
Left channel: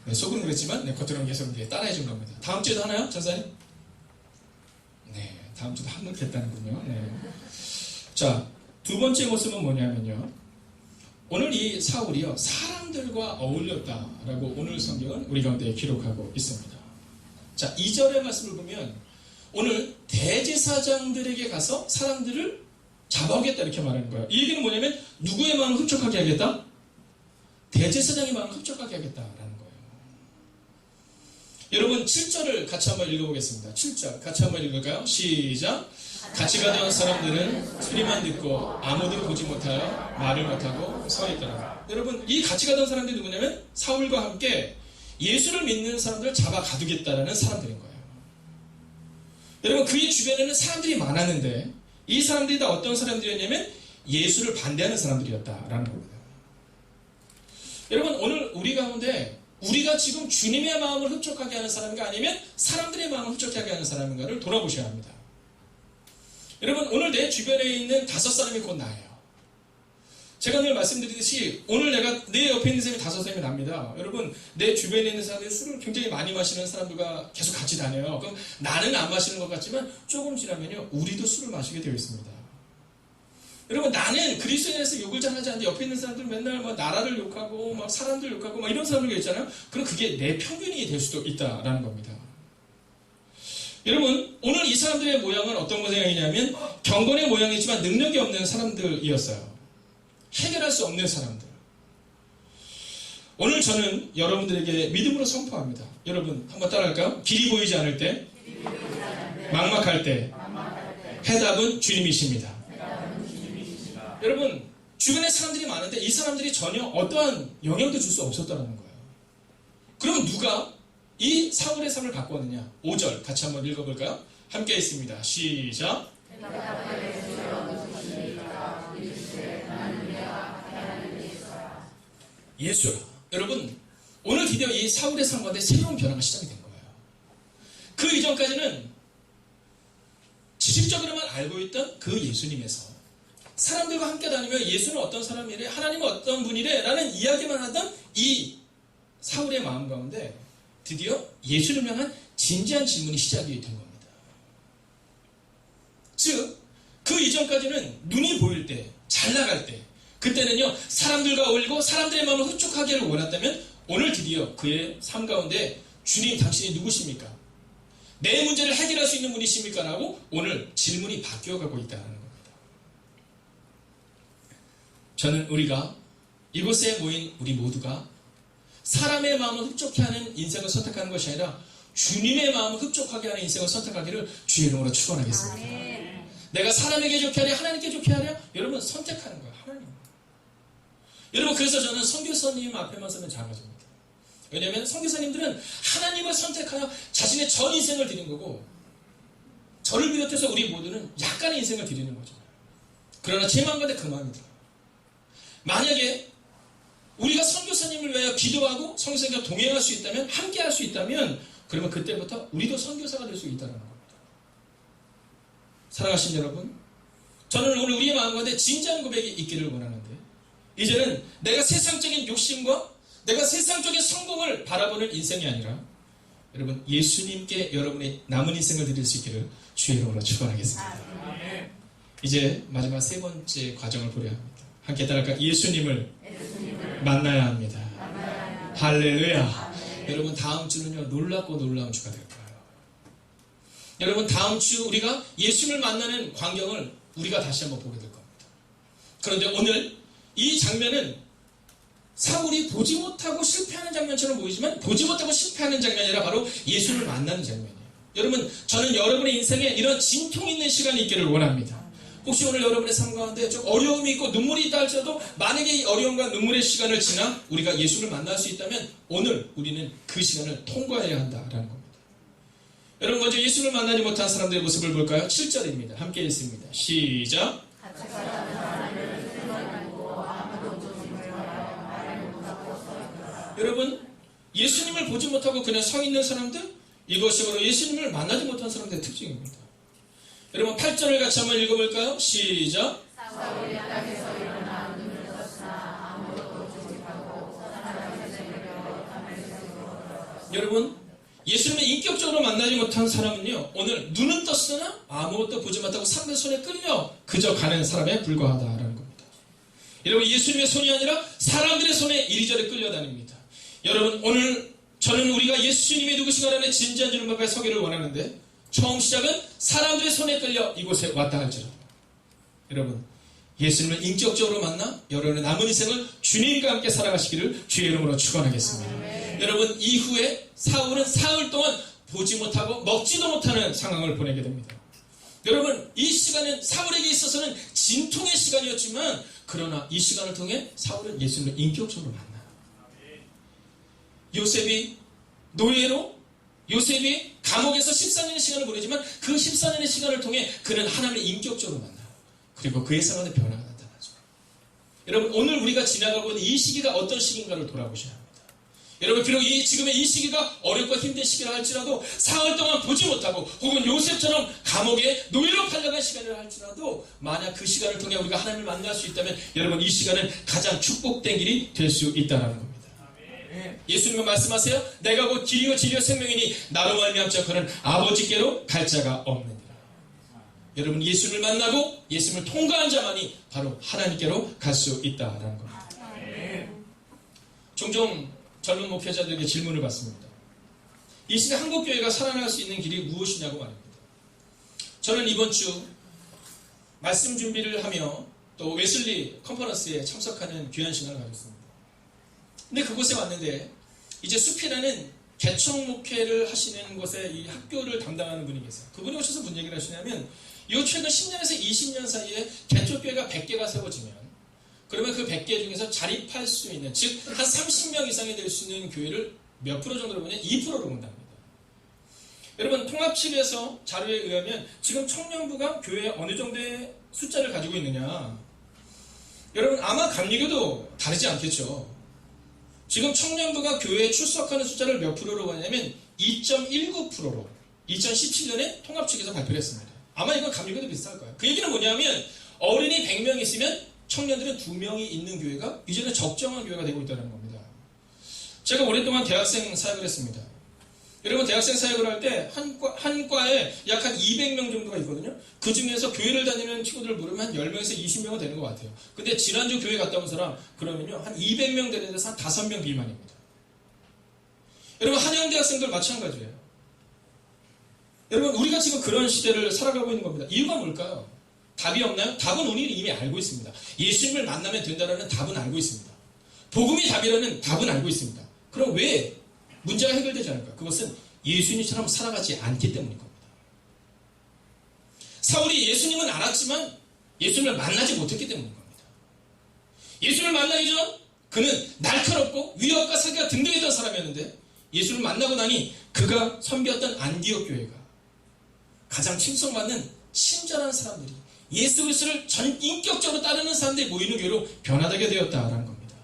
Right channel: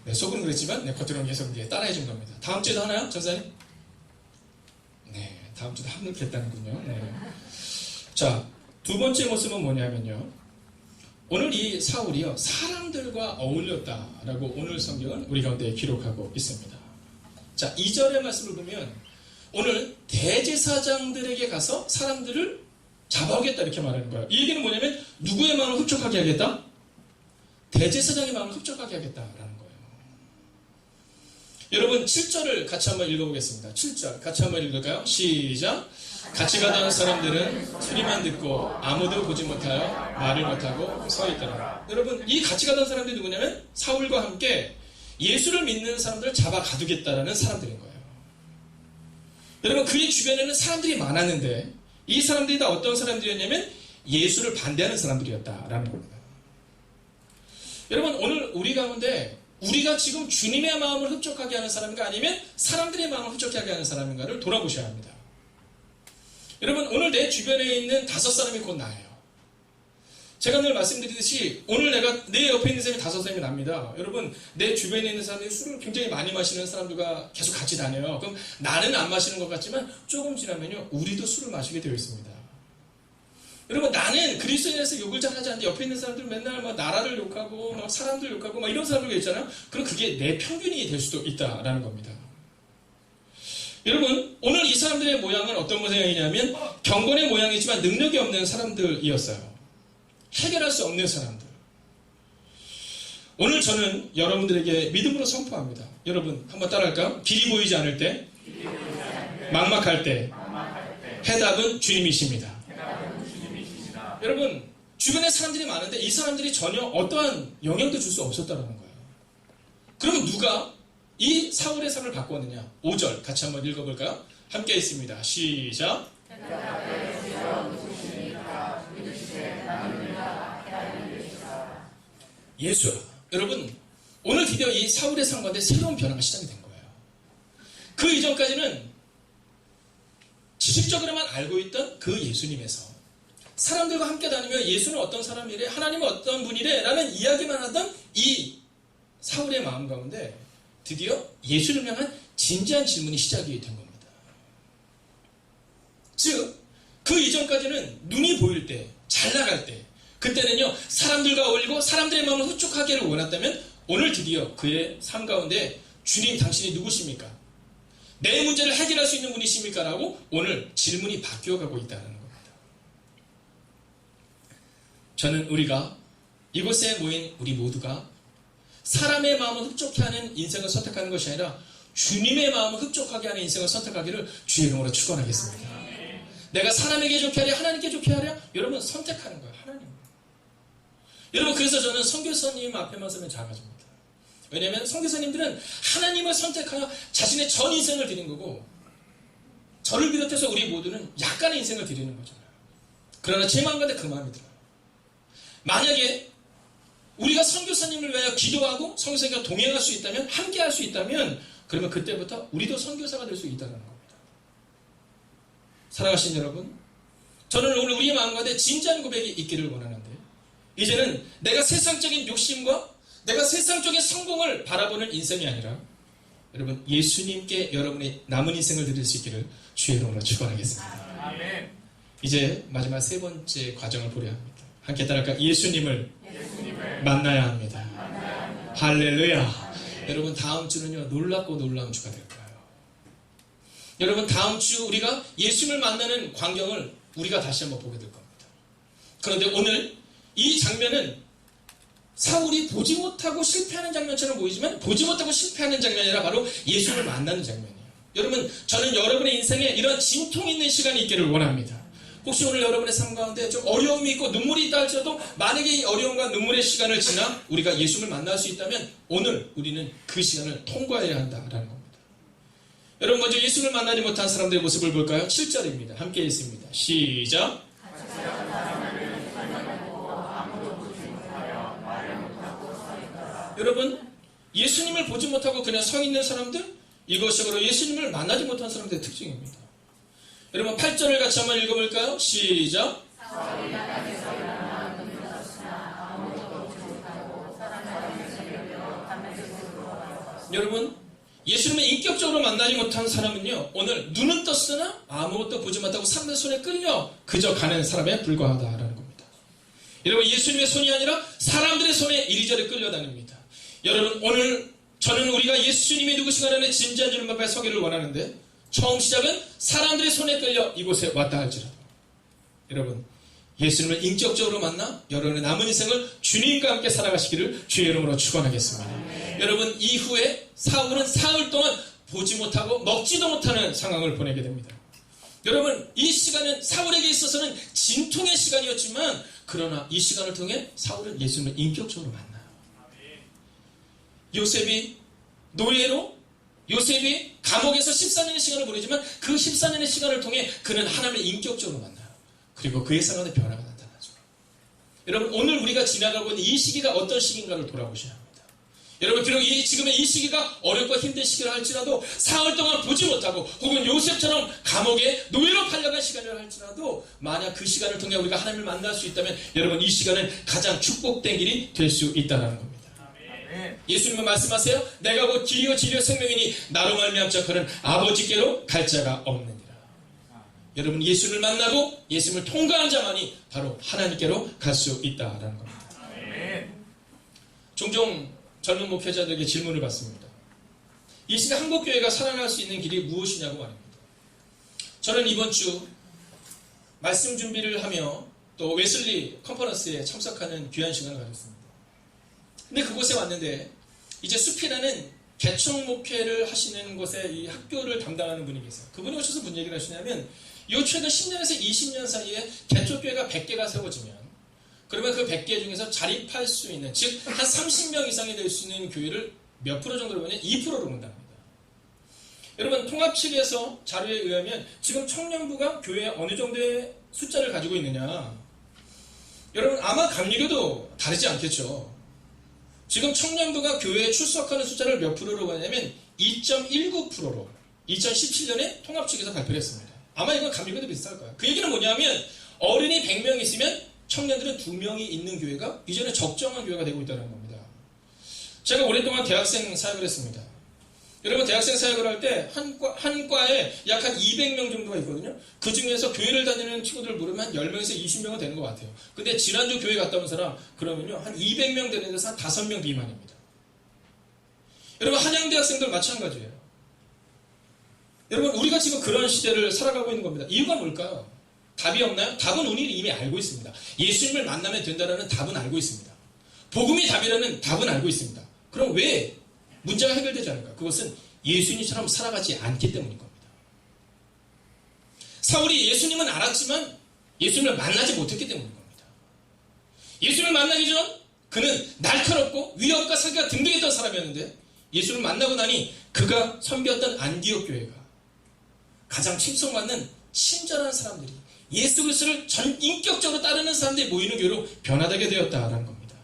네, 겉으로는 계속 따라해 준 겁니다. 다음 주에도 하나요? 전사님? 네, 다음 주도 합력했다는군요. 네. 자, 두 번째 모습은 뭐냐면요. 오늘 이 사울이요, 사람들과 어울렸다라고 오늘 성경은 우리 가운데 기록하고 있습니다. 자, 2절의 말씀을 보면 오늘 대제사장들에게 가서 사람들을 잡아오겠다 이렇게 말하는 거예요. 이 얘기는 뭐냐면 누구의 마음을 흡족하게 하겠다? 대제사장의 마음을 흡족하게 하겠다라는 거예요. 여러분 7절을 같이 한번 읽어보겠습니다. 7절 같이 한번 읽을까요? 시작! 같이 가던 사람들은 소리만 듣고 아무도 보지 못하여 말을 못하고 서 있더라. 여러분 이 같이 가던 사람들이 누구냐면 사울과 함께 예수를 믿는 사람들을 잡아 가두겠다라는 사람들인 거예요. 여러분 그의 주변에는 사람들이 많았는데 이 사람들이 다 어떤 사람들이었냐면 예수를 반대하는 사람들이었다라는 겁니다. 여러분 오늘 우리 가운데 우리가 지금 주님의 마음을 흡족하게 하는 사람인가 아니면 사람들의 마음을 흡족하게 하는 사람인가를 돌아보셔야 합니다. 여러분 오늘 내 주변에 있는 5사람이 곧 나예요. 제가 늘 말씀드리듯이 오늘 내가 내 옆에 있는 사람이 5사람이 납니다. 여러분 내 주변에 있는 사람들이 술을 굉장히 많이 마시는 사람들과 계속 같이 다녀요. 그럼 나는 안 마시는 것 같지만 조금 지나면요 우리도 술을 마시게 되어 있습니다. 여러분 나는 그리스도인에서 욕을 잘 하지 않는데 옆에 있는 사람들 맨날 막 나라를 욕하고 막 사람들 욕하고 막 이런 사람들 있잖아요. 그럼 그게 내 평균이 될 수도 있다라는 겁니다. 여러분 오늘 이 사람들의 모양은 어떤 모양이냐면 경건의 모양이지만 능력이 없는 사람들이었어요. 해결할 수 없는 사람들. 오늘 저는 여러분들에게 믿음으로 선포합니다. 여러분 한번 따라할까요? 길이 보이지 않을 때, 막막할 때 해답은 주님이십니다. 여러분 주변에 사람들이 많은데 이 사람들이 전혀 어떠한 영향도 줄 수 없었다는 거예요. 그러면 누가 이 사울의 삶을 바꾸었느냐? 5절 같이 한번 읽어볼까요? 함께 있습니다. 시작! 예수. 여러분 오늘 드디어 이 사울의 삶 가운데 새로운 변화가 시작이 된 거예요. 그 이전까지는 지식적으로만 알고 있던 그 예수님에서 사람들과 함께 다니며 예수는 어떤 사람이래, 하나님은 어떤 분이래 라는 이야기만 하던 이 사울의 마음 가운데 드디어 예수를 향한 진지한 질문이 시작이 된 겁니다. 즉, 그 이전까지는 눈이 보일 때, 잘 나갈 때, 그때는요 사람들과 어울리고 사람들의 마음을 흡족하게 하기를 원했다면 오늘 드디어 그의 삶 가운데 주님 당신이 누구십니까? 내 문제를 해결할 수 있는 분이십니까? 라고 오늘 질문이 바뀌어가고 있다는 겁니다. 저는 우리가 이곳에 모인 우리 모두가 사람의 마음을 흡족해 하는 인생을 선택하는 것이 아니라 주님의 마음을 흡족하게 하는 인생을 선택하기를 주의 이름으로 축원하겠습니다. 내가 사람에게 좋게 하랴 하나님께 좋게 하랴 여러분 선택하는 거예요. 하나님. 여러분 그래서 저는 선교사님 앞에만 서면 작아집니다. 왜냐하면 선교사님들은 하나님을 선택하여 자신의 전 인생을 드린 거고 저를 비롯해서 우리 모두는 약간의 인생을 드리는 거잖아요. 그러나 제 마음 가운데 그 마음이 들어요. 만약에 우리가 선교사님을 위하여 기도하고 선교사님과 동행할 수 있다면 함께 할 수 있다면 그러면 그때부터 우리도 선교사가 될 수 있다는 겁니다. 사랑하신 여러분 저는 오늘 우리의 마음 가운데 진지한 고백이 있기를 원하는데 이제는 내가 세상적인 욕심과 내가 세상적인 성공을 바라보는 인생이 아니라 여러분 예수님께 여러분의 남은 인생을 드릴 수 있기를 주의 이름으로 축원하겠습니다. 이제 마지막 세 번째 과정을 보려 합니다. 함께 따라할까? 예수님을 만나야 합니다. 할렐루야. 여러분 다음 주는요 놀랍고 놀라운 주가 될 거예요. 여러분 다음 주 우리가 예수님을 만나는 광경을 우리가 다시 한번 보게 될 겁니다. 그런데 오늘 이 장면은 사울이 보지 못하고 실패하는 장면처럼 보이지만 보지 못하고 실패하는 장면이 아니라 바로 예수님을 만나는 장면이에요. 여러분 저는 여러분의 인생에 이런 진통 있는 시간이 있기를 원합니다. 혹시 오늘 여러분의 삶 가운데 좀 어려움이 있고 눈물이 있다 할지라도 만약에 이 어려움과 눈물의 시간을 지나 우리가 예수를 만날 수 있다면 오늘 우리는 그 시간을 통과해야 한다라는 겁니다. 여러분 먼저 예수를 만나지 못한 사람들의 모습을 볼까요? 7절입니다. 함께 읽습니다. 시작. 여러분 예수님을 보지 못하고 그냥 서 있는 사람들, 이것이 바로 예수님을 만나지 못한 사람들의 특징입니다. 여러분 8절을 같이 한번 읽어볼까요? 시작. 여러분 예수님을 인격적으로 만나지 못한 사람은요 오늘 눈은 떴으나 아무것도 보지 못하고 사람의 손에 끌려 그저 가는 사람에 불과하다라는 겁니다. 여러분 예수님의 손이 아니라 사람들의 손에 이리저리 끌려다닙니다. 여러분 오늘 저는 우리가 예수님이 누구신가라는 진지한 질문 앞에 서기를 원하는데 처음 시작은 사람들의 손에 끌려 이곳에 왔다 할지라도 여러분 예수님을 인격적으로 만나 여러분의 남은 인생을 주님과 함께 살아가시기를 주의 이름으로 축원하겠습니다. 여러분 이후에 사울은 사흘 동안 보지 못하고 먹지도 못하는 상황을 보내게 됩니다. 여러분 이 시간은 사울에게 있어서는 진통의 시간이었지만 그러나 이 시간을 통해 사울은 예수님을 인격적으로 만나요. 요셉이 노예로 요셉이 감옥에서 14년의 시간을 보내지만 그 14년의 시간을 통해 그는 하나님을 인격적으로 만나요. 그리고 그의 생활에 변화가 나타나죠. 여러분 오늘 우리가 지나가고 있는 이 시기가 어떤 시기인가를 돌아보셔야 합니다. 여러분 비록 지금의 이 시기가 어렵고 힘든 시기라 할지라도 사흘 동안 보지 못하고 혹은 요셉처럼 감옥에 노예로 팔려간 시간이라 할지라도 만약 그 시간을 통해 우리가 하나님을 만날 수 있다면 여러분 이 시간은 가장 축복된 길이 될 수 있다는 겁니다. 예수님은 말씀하세요. 내가 곧 길이요 진리요 생명이니 나로 말미암자 그는 아버지께로 갈 자가 없느니라. 여러분 예수를 만나고 예수님을 통과한 자만이 바로 하나님께로 갈 수 있다라는 겁니다. 종종 젊은 목회자들에게 질문을 받습니다. 이 시대 한국교회가 살아날 수 있는 길이 무엇이냐고 말입니다. 저는 이번 주 말씀 준비를 하며 또 웨슬리 컨퍼런스에 참석하는 귀한 시간을 가졌습니다. 근데 그곳에 왔는데 이제 숲이라는 개척 목회를 하시는 곳에 이 학교를 담당하는 분이 계세요. 그분이 오셔서 무슨 얘기를 하시냐면 이 최근 10년에서 20년 사이에 개척교회가 100개가 세워지면 그러면 그 100개 중에서 자립할 수 있는 즉 한 30명 이상이 될 수 있는 교회를 몇 프로 정도로 보냐 2%로 본답니다. 여러분 통합 측에서 자료에 의하면 지금 청년부가 교회에 어느 정도의 숫자를 가지고 있느냐 여러분 아마 감리교도 다르지 않겠죠. 지금 청년부가 교회에 출석하는 숫자를 몇 프로로 가냐면 2.19%로 2017년에 통합 측에서 발표를 했습니다. 아마 이건 감리교도 비슷할 거예요. 그 얘기는 뭐냐면 어른이 100명 있으면 청년들은 2명이 있는 교회가 이제는 적정한 교회가 되고 있다는 겁니다. 제가 오랫동안 대학생 사역을 했습니다. 여러분 대학생 사역을 할 때 한 과에 약 한 200명 정도가 있거든요. 그 중에서 교회를 다니는 친구들 부르면 한 10명에서 20명은 되는 것 같아요. 근데 지난주 교회 갔다 온 사람 그러면요 한 200명 되는 데서 한 5명 비만입니다. 여러분 한양대 학생들 마찬가지예요. 여러분 우리가 지금 그런 시대를 살아가고 있는 겁니다. 이유가 뭘까요? 답이 없나요? 답은 우리는 이미 알고 있습니다. 예수님을 만나면 된다는 답은 알고 있습니다. 복음이 답이라는 답은 알고 있습니다. 그럼 왜 문제가 해결되지 않을까? 그것은 예수님처럼 살아가지 않기 때문인 겁니다. 사울이 예수님은 알았지만 예수님을 만나지 못했기 때문인 겁니다. 예수님을 만나기 전 그는 날카롭고 위협과 사기가 등등했던 사람이었는데 예수를 만나고 나니 그가 섬겼던 안디옥 교회가 가장 칭송받는 친절한 사람들이 예수 그리스도를 인격적으로 따르는 사람들이 모이는 교회로 변화되게 되었다라는 겁니다.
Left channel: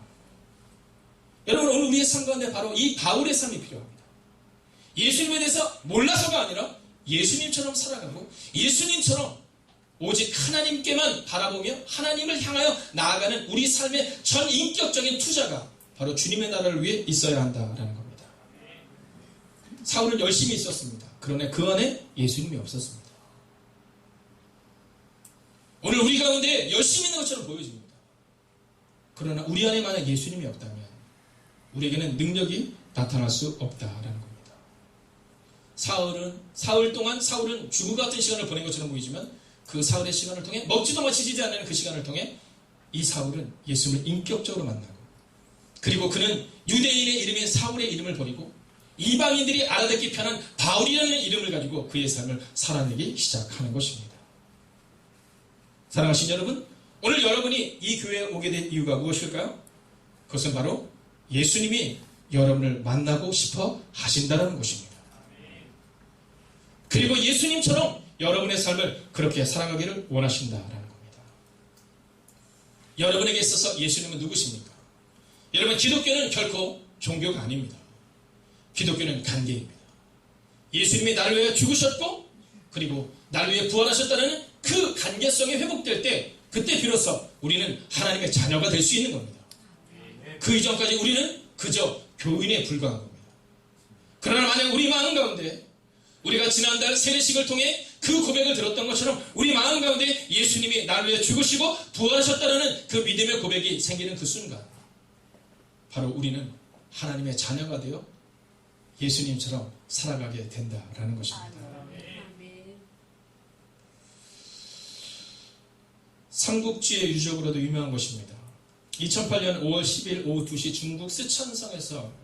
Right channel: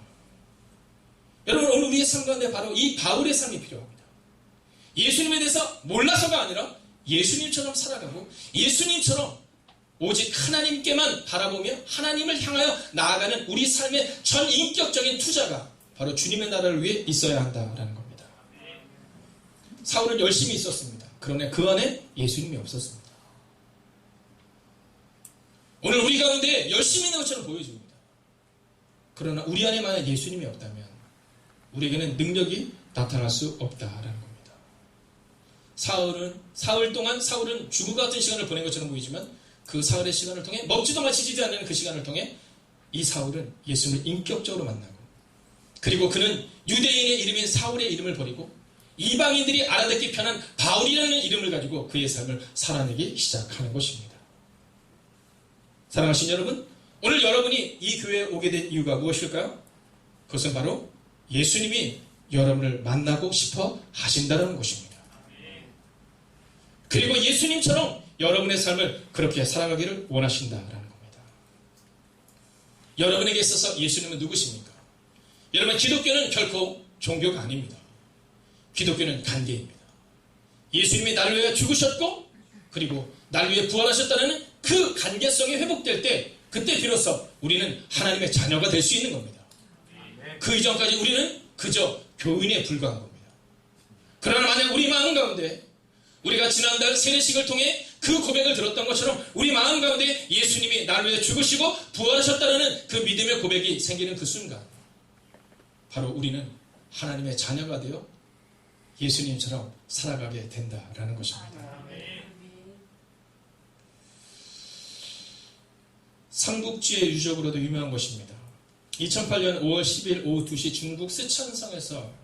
여러분 오늘 우리의 삶 가운데 바로 이 바울의 삶이 필요합니다. 예수님에 대해서 몰라서가 아니라 예수님처럼 살아가고 예수님처럼 오직 하나님께만 바라보며 하나님을 향하여 나아가는 우리 삶의 전 인격적인 투자가 바로 주님의 나라를 위해 있어야 한다라는 겁니다. 사울은 열심히 있었습니다. 그러나 그 안에 예수님이 없었습니다. 오늘 우리 가운데 열심히 있는 것처럼 보여집니다. 그러나 우리 안에 만약 예수님이 없다면 우리에게는 능력이 나타날 수 없다라는 겁니다. 사흘 동안 사울은 죽음 같은 시간을 보낸 것처럼 보이지만 그 사흘의 시간을 통해 먹지도 마시지도 않는 그 시간을 통해 이 사울은 예수님을 인격적으로 만나고, 그리고 그는 유대인의 이름인 사울의 이름을 버리고 이방인들이 알아듣기 편한 바울이라는 이름을 가지고 그의 삶을 살아내기 시작하는 것입니다. 사랑하신 여러분, 오늘 여러분이 이 교회에 오게 된 이유가 무엇일까요? 그것은 바로 예수님이 여러분을 만나고 싶어 하신다는 것입니다. 그리고 예수님처럼 여러분의 삶을 그렇게 살아가기를 원하신다라는 겁니다. 여러분에게 있어서 예수님은 누구십니까? 여러분, 기독교는 결코 종교가 아닙니다. 기독교는 관계입니다. 예수님이 나를 위해 죽으셨고 그리고 나를 위해 부활하셨다는 그 관계성이 회복될 때, 그때 비로소 우리는 하나님의 자녀가 될 수 있는 겁니다. 그 이전까지 우리는 그저 교인에 불과한 겁니다. 그러나 만약 우리 마음 가운데, 우리가 지난달 세례식을 통해 그 고백을 들었던 것처럼 우리 마음 가운데 예수님이 나를 위해 죽으시고 부활하셨다는 그 믿음의 고백이 생기는 그 순간, 바로 우리는 하나님의 자녀가 되어 예수님처럼 살아가게 된다라는 것입니다. 삼국지의 유적으로도 유명한 것입니다. 2008년 5월 10일 오후 2시 중국 쓰촨성에서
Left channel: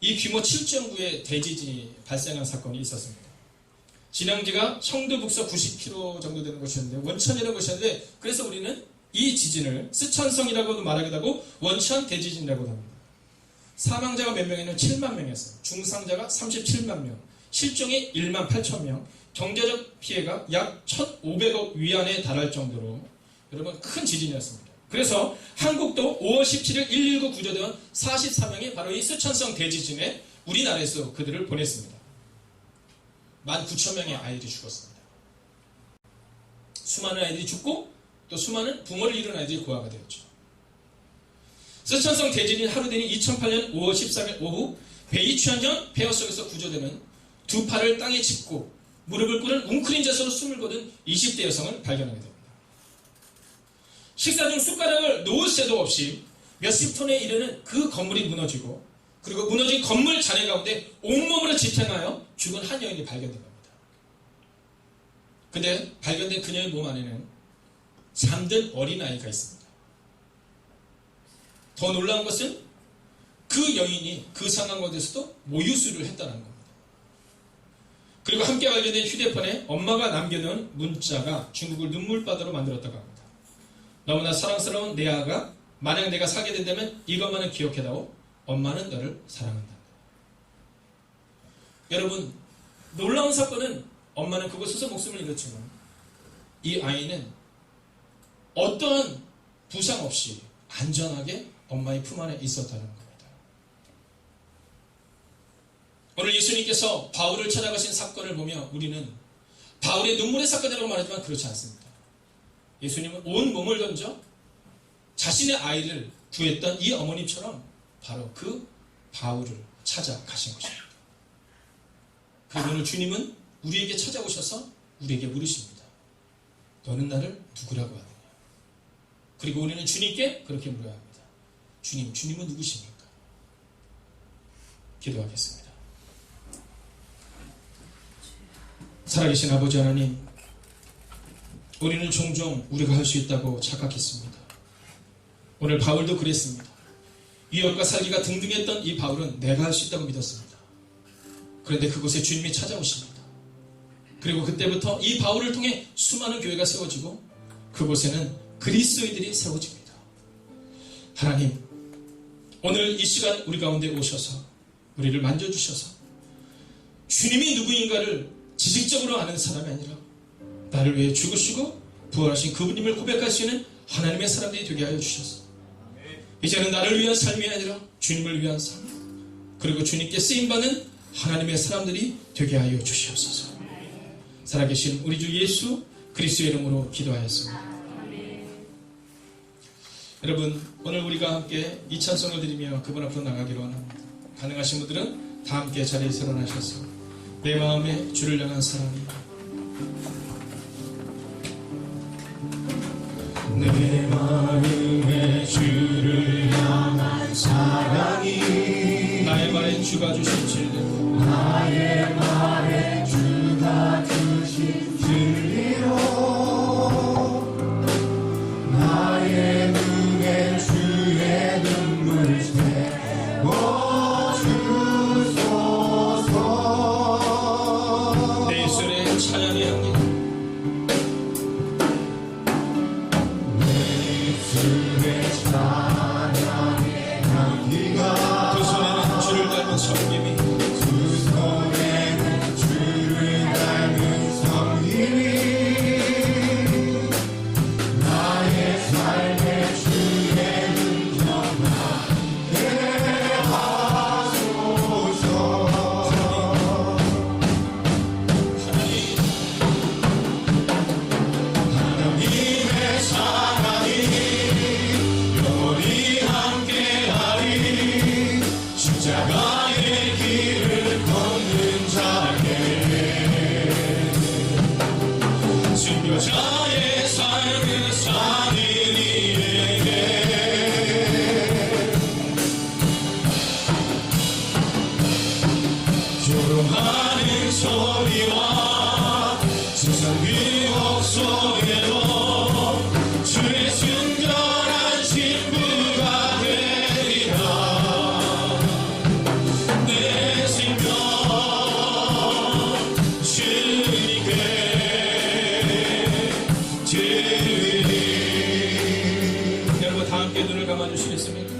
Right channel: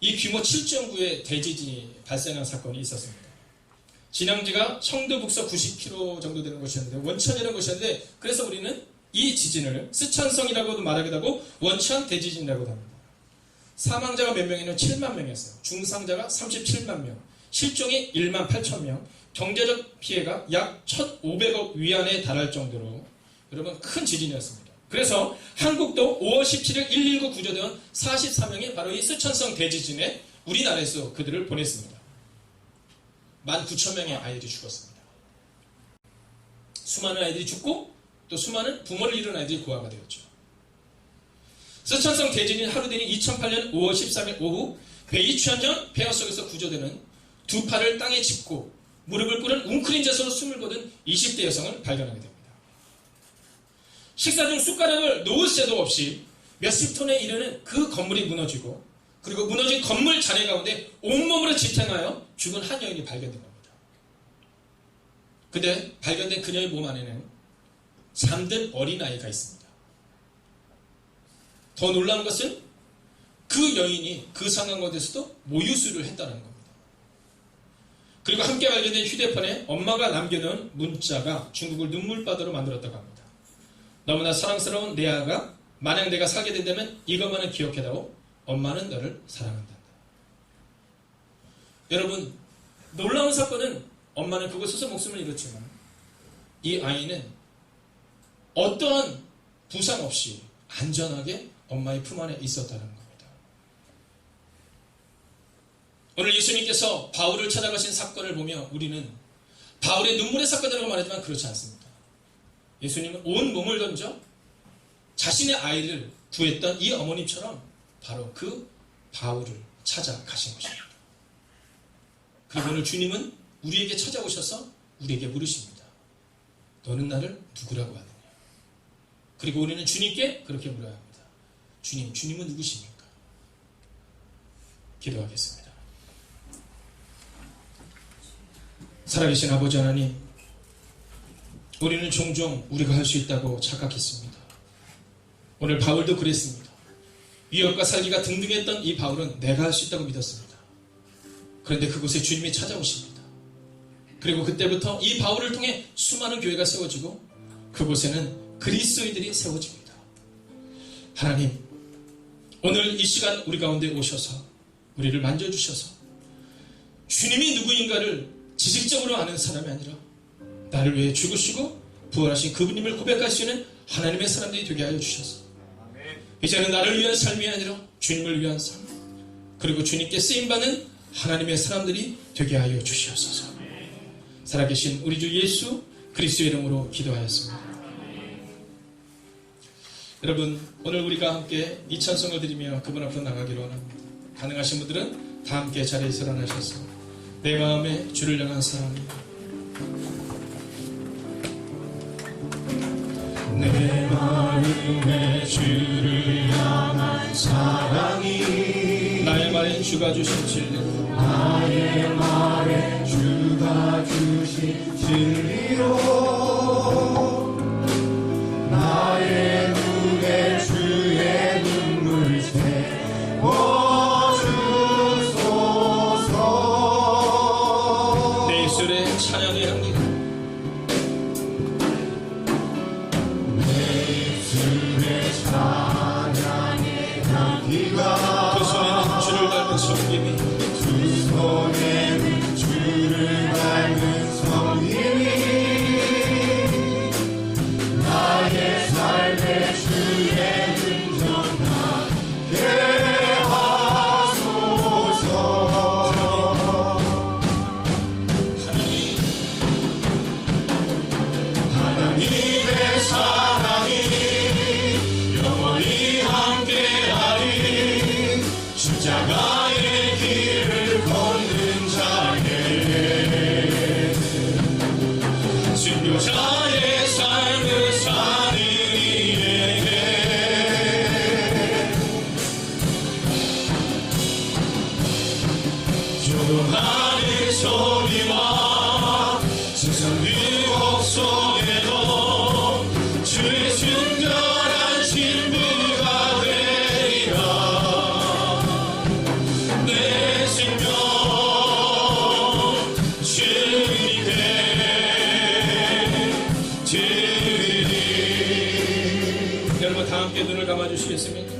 이 규모 7.9의 대지진이 발생한 사건이 있었습니다. 진앙지가 청도 북서 90km 정도 되는 곳이었는데, 원천이라는 곳이었는데, 그래서 우리는 이 지진을 쓰촨성이라고도 말하기도 하고 원천 대지진이라고도 합니다. 사망자가 몇 명이냐면 7만 명이었어요. 중상자가 37만 명, 실종이 1만 8천 명, 경제적 피해가 약 1,500억 위안에 달할 정도로 여러분 큰 지진이었습니다. 그래서 한국도 5월 17일 119 구조대원 44명이 바로 이 쓰촨성 대지진에 우리나라에서 그들을 보냈습니다. 19,000명의 아이들이 죽었습니다. 수많은 아이들이 죽고 또 수많은 부모를 잃은 아이들이 고아가 되었죠. 쓰촨성 대지진이 하루 뒤인 2008년 5월 13일 오후 배이 취한 폐허 속에서 구조되는 두 팔을 땅에 짚고 무릎을 꿇은 웅크린 자세로 숨을 거둔 20대 여성을 발견하게 됩니다. 식사 중 숟가락을 놓을 새도 없이 몇십 톤에 이르는 그 건물이 무너지고, 그리고 무너진 건물 잔해 가운데 온몸으로 지탱하여 죽은 한 여인이 발견된 겁니다. 근데 발견된 그녀의 몸 안에는 잠든 어린아이가 있습니다. 더 놀라운 것은 그 여인이 그 상황 가운데서도 모유수유를 했다는 겁니다. 그리고 함께 발견된 휴대폰에 엄마가 남겨놓은 문자가 중국을 눈물바다로 만들었다고 합니다. 너무나 사랑스러운 내 아가, 만약 내가 살게 된다면 이것만은 기억해다오. 엄마는 너를 사랑한다. 여러분, 놀라운 사건은 엄마는 그곳에서 목숨을 잃었지만 이 아이는 어떠한 부상 없이 안전하게 엄마의 품 안에 있었다는 겁니다. 오늘 예수님께서 바울을 찾아가신 사건을 보며 우리는 바울의 눈물의 사건이라고 말하지만 그렇지 않습니다. 예수님은 온 몸을 던져 자신의 아이를 구했던 이 어머님처럼 바로 그 바울을 찾아가신 것입니다. 그리고 오늘 주님은 우리에게 찾아오셔서 우리에게 물으십니다. 너는 나를 누구라고 하느냐? 그리고 우리는 주님께 그렇게 물어야 합니다. 주님, 주님은 누구십니까? 기도하겠습니다. 살아계신 아버지 하나님, 우리는 종종 우리가 할 수 있다고 착각했습니다. 오늘 바울도 그랬습니다. 위협과 살기가 등등했던 이 바울은 내가 할 수 있다고 믿었습니다. 그런데 그곳에 주님이 찾아오십니다. 그리고 그때부터 이 바울을 통해 수많은 교회가 세워지고 그곳에는 그리스도인들이 세워집니다. 하나님, 오늘 이 시간 우리 가운데 오셔서 우리를 만져주셔서 주님이 누구인가를 지식적으로 아는 사람이 아니라 나를 위해 죽으시고 부활하신 그분님을 고백할 수 있는 하나님의 사람들이 되게 하여 주셔서 이제는 나를 위한 삶이 아니라 주님을 위한 삶, 그리고 주님께 쓰임받는 하나님의 사람들이 되게 하여 주시옵소서. 살아계신 우리 주 예수 그리스도의 이름으로 기도하였습니다. 여러분, 오늘 우리가 함께 이 찬송을 드리며 그분 앞으로 나가기로 합니다. 가능하신 분들은 다 함께 자리에서 일어나셔서 내 마음에 주를 향한 사랑이, 내 마음에 주를 향한 사랑이 나의 말에 주가 주신 진리로 나의 말에 주신 진리로 나의 눈에 주의 눈물 채워주소서. 내 입술에 찬양의 향기가 두 손에는 주를 닮은 섬김이 두 손에는 주를 닮은 성님이 나의 삶의 주의 흔적나게 하소서. 하나님의 사랑이 영원히 함께하리. 십자가의 길을 걷는 자에게 순교자의 삶을 사는 이에게 조롱하는 소리와 세상 유혹 속에도 주의 순결한 신부가 되리라. 내 생명 주님께 드리리. 여러분 다 함께 눈을 감아주시겠습니까?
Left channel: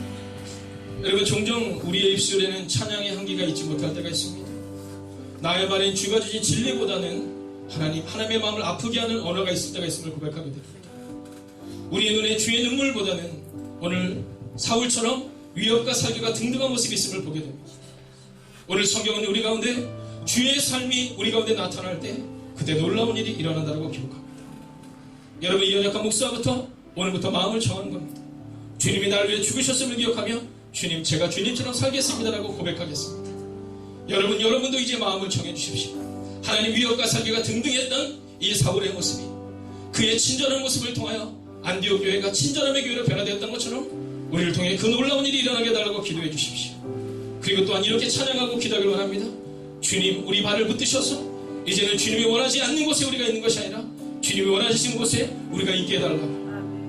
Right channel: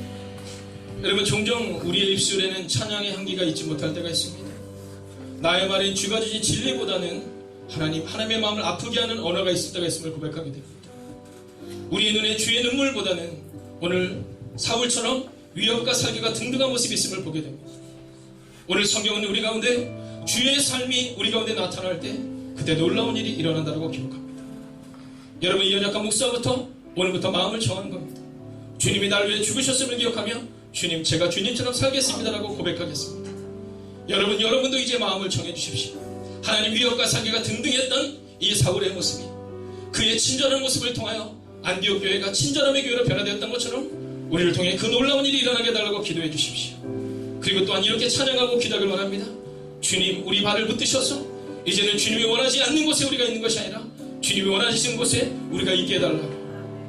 여러분 종종 우리의 입술에는 찬양의 향기가 있지 못할 때가 있습니다. 나의 말엔 주가 주신 진리보다는 하나님의 마음을 아프게 하는 언어가 있을 때가 있음을 고백하게 됩니다. 우리의 눈에 주의 눈물보다는 오늘 사울처럼 위협과 살기가 등등한 모습이 있음을 보게 됩니다. 오늘 성경은 우리 가운데 주의 삶이 우리 가운데 나타날 때 그때 놀라운 일이 일어난다고 기록합니다. 여러분 이 연약한 목사부터 오늘부터 마음을 정하는 겁니다. 주님이 나를 위해 죽으셨음을 기억하며 주님 제가 주님처럼 살겠습니다라고 고백하겠습니다. 여러분도 이제 마음을 정해주십시오. 하나님 위협과 살기가 등등했던 이 사울의 모습이 그의 친절한 모습을 통하여 안디옥 교회가 친절함의 교회로 변화되었던 것처럼 우리를 통해 그 놀라운 일이 일어나게 해달라고 기도해 주십시오. 그리고 또한 이렇게 찬양하고 기도하길 원합니다. 주님 우리 발을 붙드셔서 이제는 주님이 원하지 않는 곳에 우리가 있는 것이 아니라 주님이 원하시는 곳에 우리가 있게 해달라고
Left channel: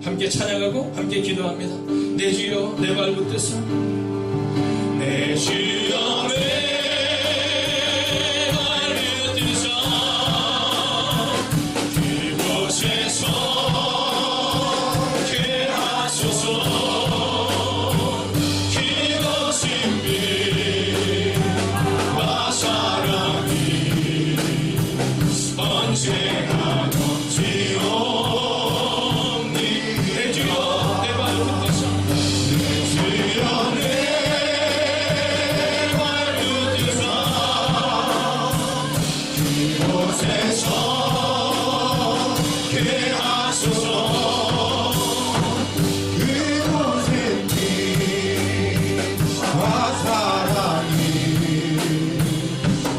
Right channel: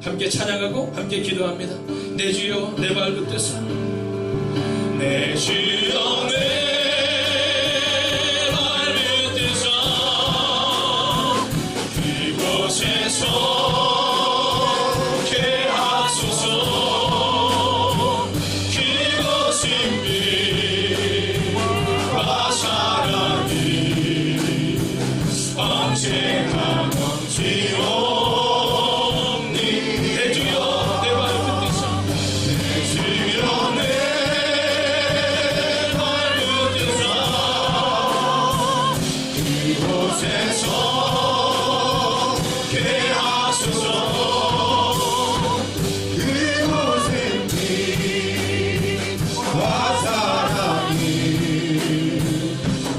함께 찬양하고 함께 기도합니다. 내 주여 내 발 붙드사 내 주여 내 발 붙드사 그곳에서 게 하소서. 그곳은 빛과 사랑이 언제나 넘치오니. 내 주여 내 발 붙드사 내 주여 내 발 붙드사 그곳에서 게 하소서. 그곳은 빛과 사랑이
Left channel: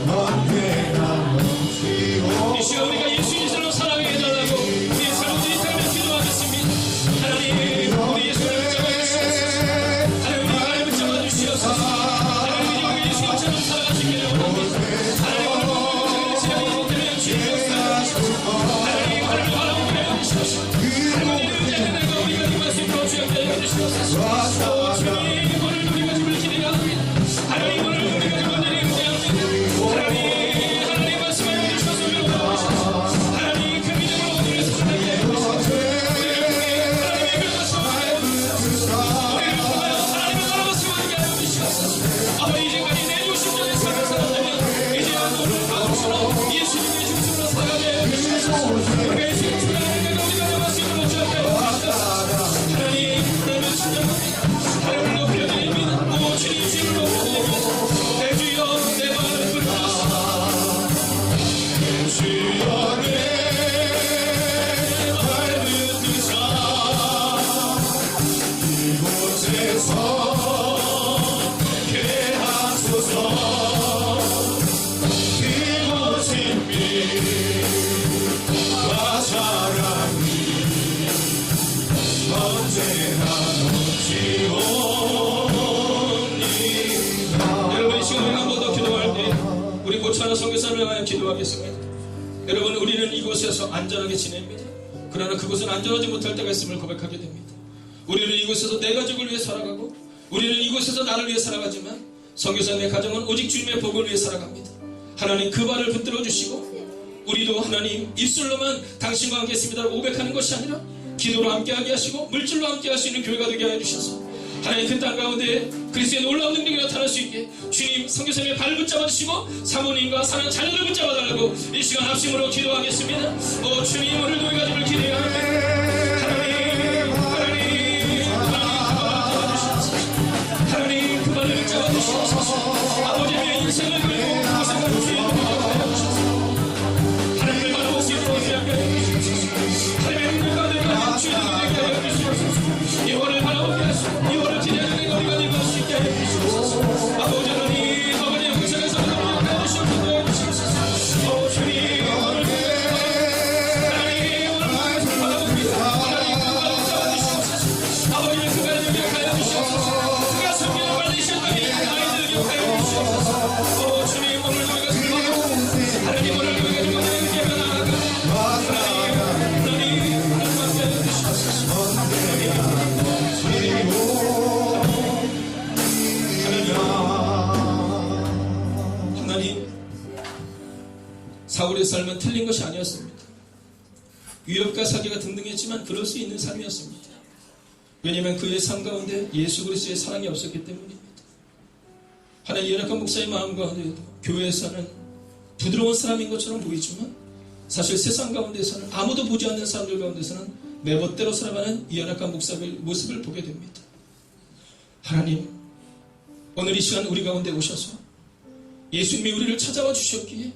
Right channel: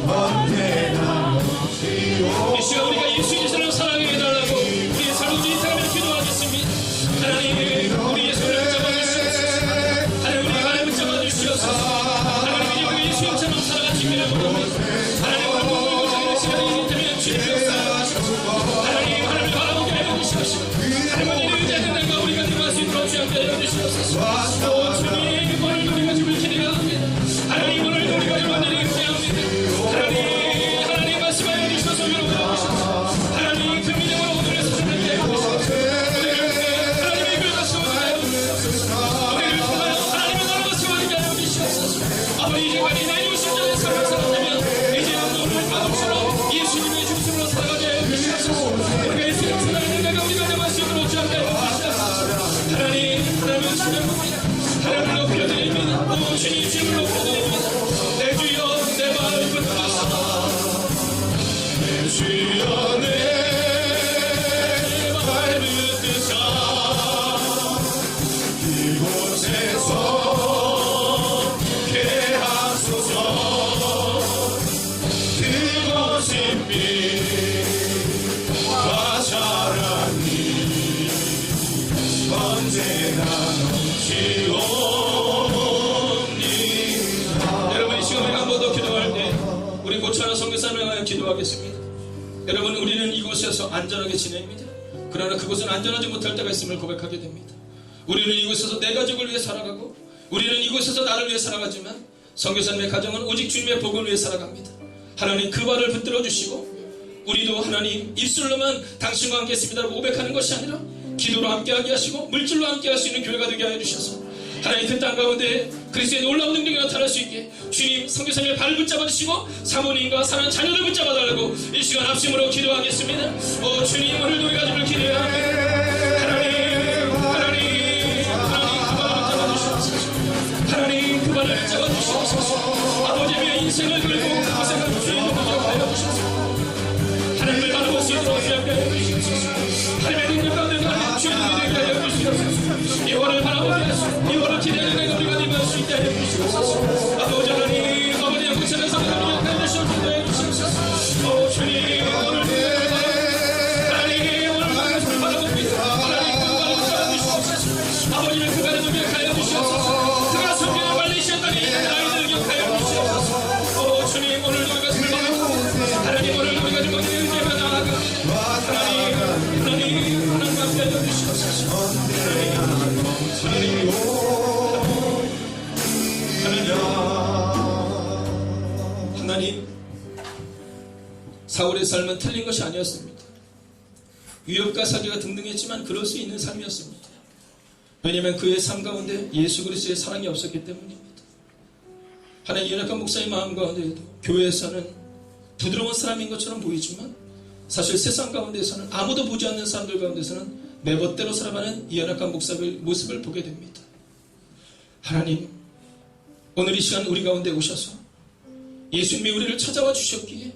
언제나 넘치오. 이 시간 우리가 예수님처럼 사랑하게 해달라고 우리의 삶을 인상을 기도하겠습니다. 하나님 우리 예수를 붙잡아주시옵소서. 하나님 우리 발을 붙잡아주시옵소서. 하나님 우리 예수님처럼 살아가시기를 원합니다. 하나님 오늘 모든 것을 시간이 되면 주님을 사랑하시옵소서. 하나님 하나님을 바라보게 해주시옵소서. 하나님 우리를 의지하는 날과 우리가 들어갈 수 있도록 주님께 해주시옵소서. 주님 오늘도 우리가 주를 기대합니다. 하나님 오늘도 우리가 주를 기대합니다. 하나님 말씀하여 주셔서 위로하옵소서. 하나님 그 믿음으로 오늘을 살게 해주시옵소서. 하나님의 그 말씀을 하여 주시옵소서. 우리를 통하여 하나님의 말씀을 하게 하여 주시옵소서. 아마 이제까지 내 육신자의 삶을 살았다면 이제는 오늘 바로처럼 예수님의 중심으로 살아가게 하여 주시옵소서. 우리가 예수님 사랑하는 내가 우리가 내 말씀으로 주하게 하여 주시옵소서. 하나님 찬양합니다. 하나님 높여드립니다. 오 주님 주를 높여드립니다. 내 주여 내 발을 붙드사 내 주여 내 발 붙드사 이곳에서 게 하소서. 그곳은 빛과 사랑이 언제나 넘치오니. 여러분 이 시간에 한 번 더 기도할 때 우리 고찬한 선교사를 향하여 기도하겠습니다. 여러분, 우리는 이곳에서 안전하게 지냅니다. 그러나 그곳은 안전하지 못할 때가 있음을 고백하게 됩니다. 우리는 이곳에서 내 가족을 위해 살아가고, 우리는 이곳에서 나를 위해 살아가지만 선교사님의 가정은 오직 주님의 복을 위해 살아갑니다. 하나님 그 발을 붙들어 주시고, 우리도 하나님 입술로만 당신과 함께 있습니다라고 고백하는 것이 아니라 기도로 함께하게 하시고 물질로 함께할 수 있는 교회가 되게 하여 주셔서 하나님 그 땅 가운데 그리스도의 놀라운 능력이 나타날 수 있게 주님 선교사님의 발을 붙잡아 주시고 사모님과 사랑하는 자녀를 붙잡아 달라고 이 시간 합심으로 기도하겠습니다. 주님, 오늘도 이 가족을 기도해야 합니다. 하나님 그 발을 붙잡아 주시옵소서. 아버지의 인생을 걸고 그곳에 갈 수 있는 것을 하여 주셔서 하나님을 바라볼 수 있도록 하여 주시옵소서. 하나님의 능력 가운데 가는 주의 능력이 되게 하여 주시옵소서. 예화를 바라보게 하시고 예화를 기대하는 우리가 되게 수 있게 하여 주시옵소서. 아버지 하나님, 아버지 영생에서 우리를 하여 주시옵소서. 주님, 하나님 오늘 바라봅니다. 하나님 그 발을 붙잡아 주시옵소서. 아버지는 그 발을 기억하여 주시옵소서. 그가 선교에 말리셨더니 아이들 기억하여 주시옵소서. 주님, 오늘 우리가 승리하고 하나님 오늘 우리가 좀 예배가 나아가고 하나님 함께 하여 주시옵소서. 하나님, 사울의 삶은 틀린 것이 아니었습니다. 위협과 사기가 등등했지만 그럴 수 있는 삶이었습니다. 왜냐하면 그의 삶 가운데 예수 그리스도의 사랑이 없었기 때문입니다. 하나님, 연약한 목사의 마음 가운데에도 교회에서는 부드러운 사람인 것처럼 보이지만 사실 세상 가운데서는 아무도 보지 않는 사람들 가운데서는 내 멋대로 살아가는 이 연약한 목사의 모습을 보게 됩니다. 하나님, 오늘 이 시간 우리 가운데 오셔서 예수님이 우리를 찾아와 주셨기에,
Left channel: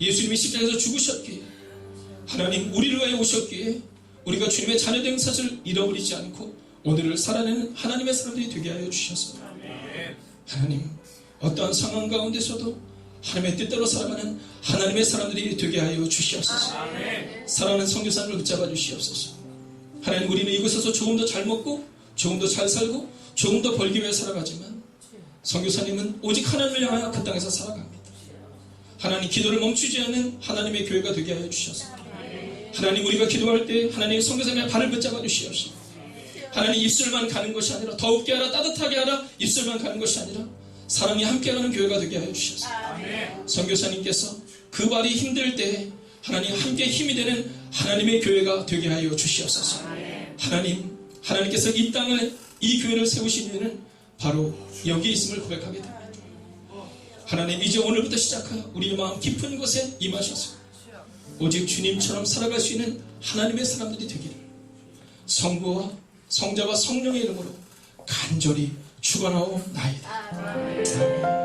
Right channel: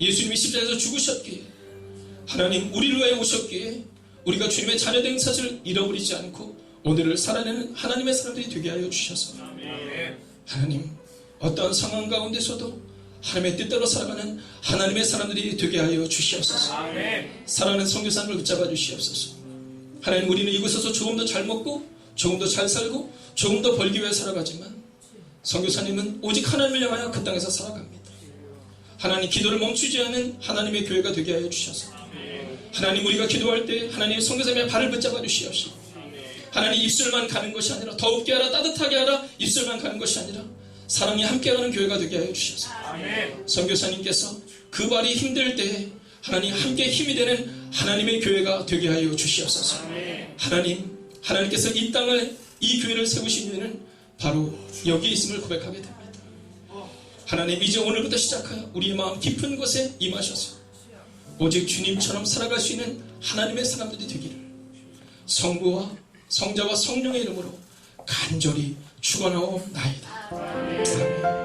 예수님이 십자가에서 죽으셨기에, 하나님 우리를 위해 오셨기에 우리가 주님의 자녀된 사실을 잃어버리지 않고 오늘을 살아내는 하나님의 사람들이 되게 하여 주셔서 하나님, 어떠한 상황 가운데서도 하나님의 뜻대로 살아가는 하나님의 사람들이 되게 하여 주시옵소서. 사랑하는 선교사님을 붙잡아 주시옵소서. 하나님, 우리는 이곳에서 조금 더 잘 먹고 조금 더 잘 살고 조금 더 벌기 위해 살아가지만 선교사님은 오직 하나님을 향하여 그 땅에서 살아갑니다. 하나님, 기도를 멈추지 않는 하나님의 교회가 되게 하여 주셔서 하나님, 우리가 기도할 때 하나님 선교사님의 발을 붙잡아 주시옵시고 하나님, 입술만 가는 것이 아니라 더욱게 하라, 따뜻하게 하라, 입술만 가는 것이 아니라 사랑이 함께하는 교회가 되게 하여 주셔서 선교사님께서 그 발이 힘들 때 하나님 함께 힘이 되는 하나님의 교회가 되게 하여 주시옵소서. 하나님, 하나님께서 이 땅을, 이 교회를 세우신 이유는 바로 여기에 있음을 고백하게 됩니다. 하나님, 이제 오늘부터 시작하여 우리 마음 깊은 곳에 임하셔서 오직 주님처럼 살아갈 수 있는 하나님의 사람들이 되기를 성부와 성자와 성령의 이름으로 간절히 축원하옵나이다. 아멘.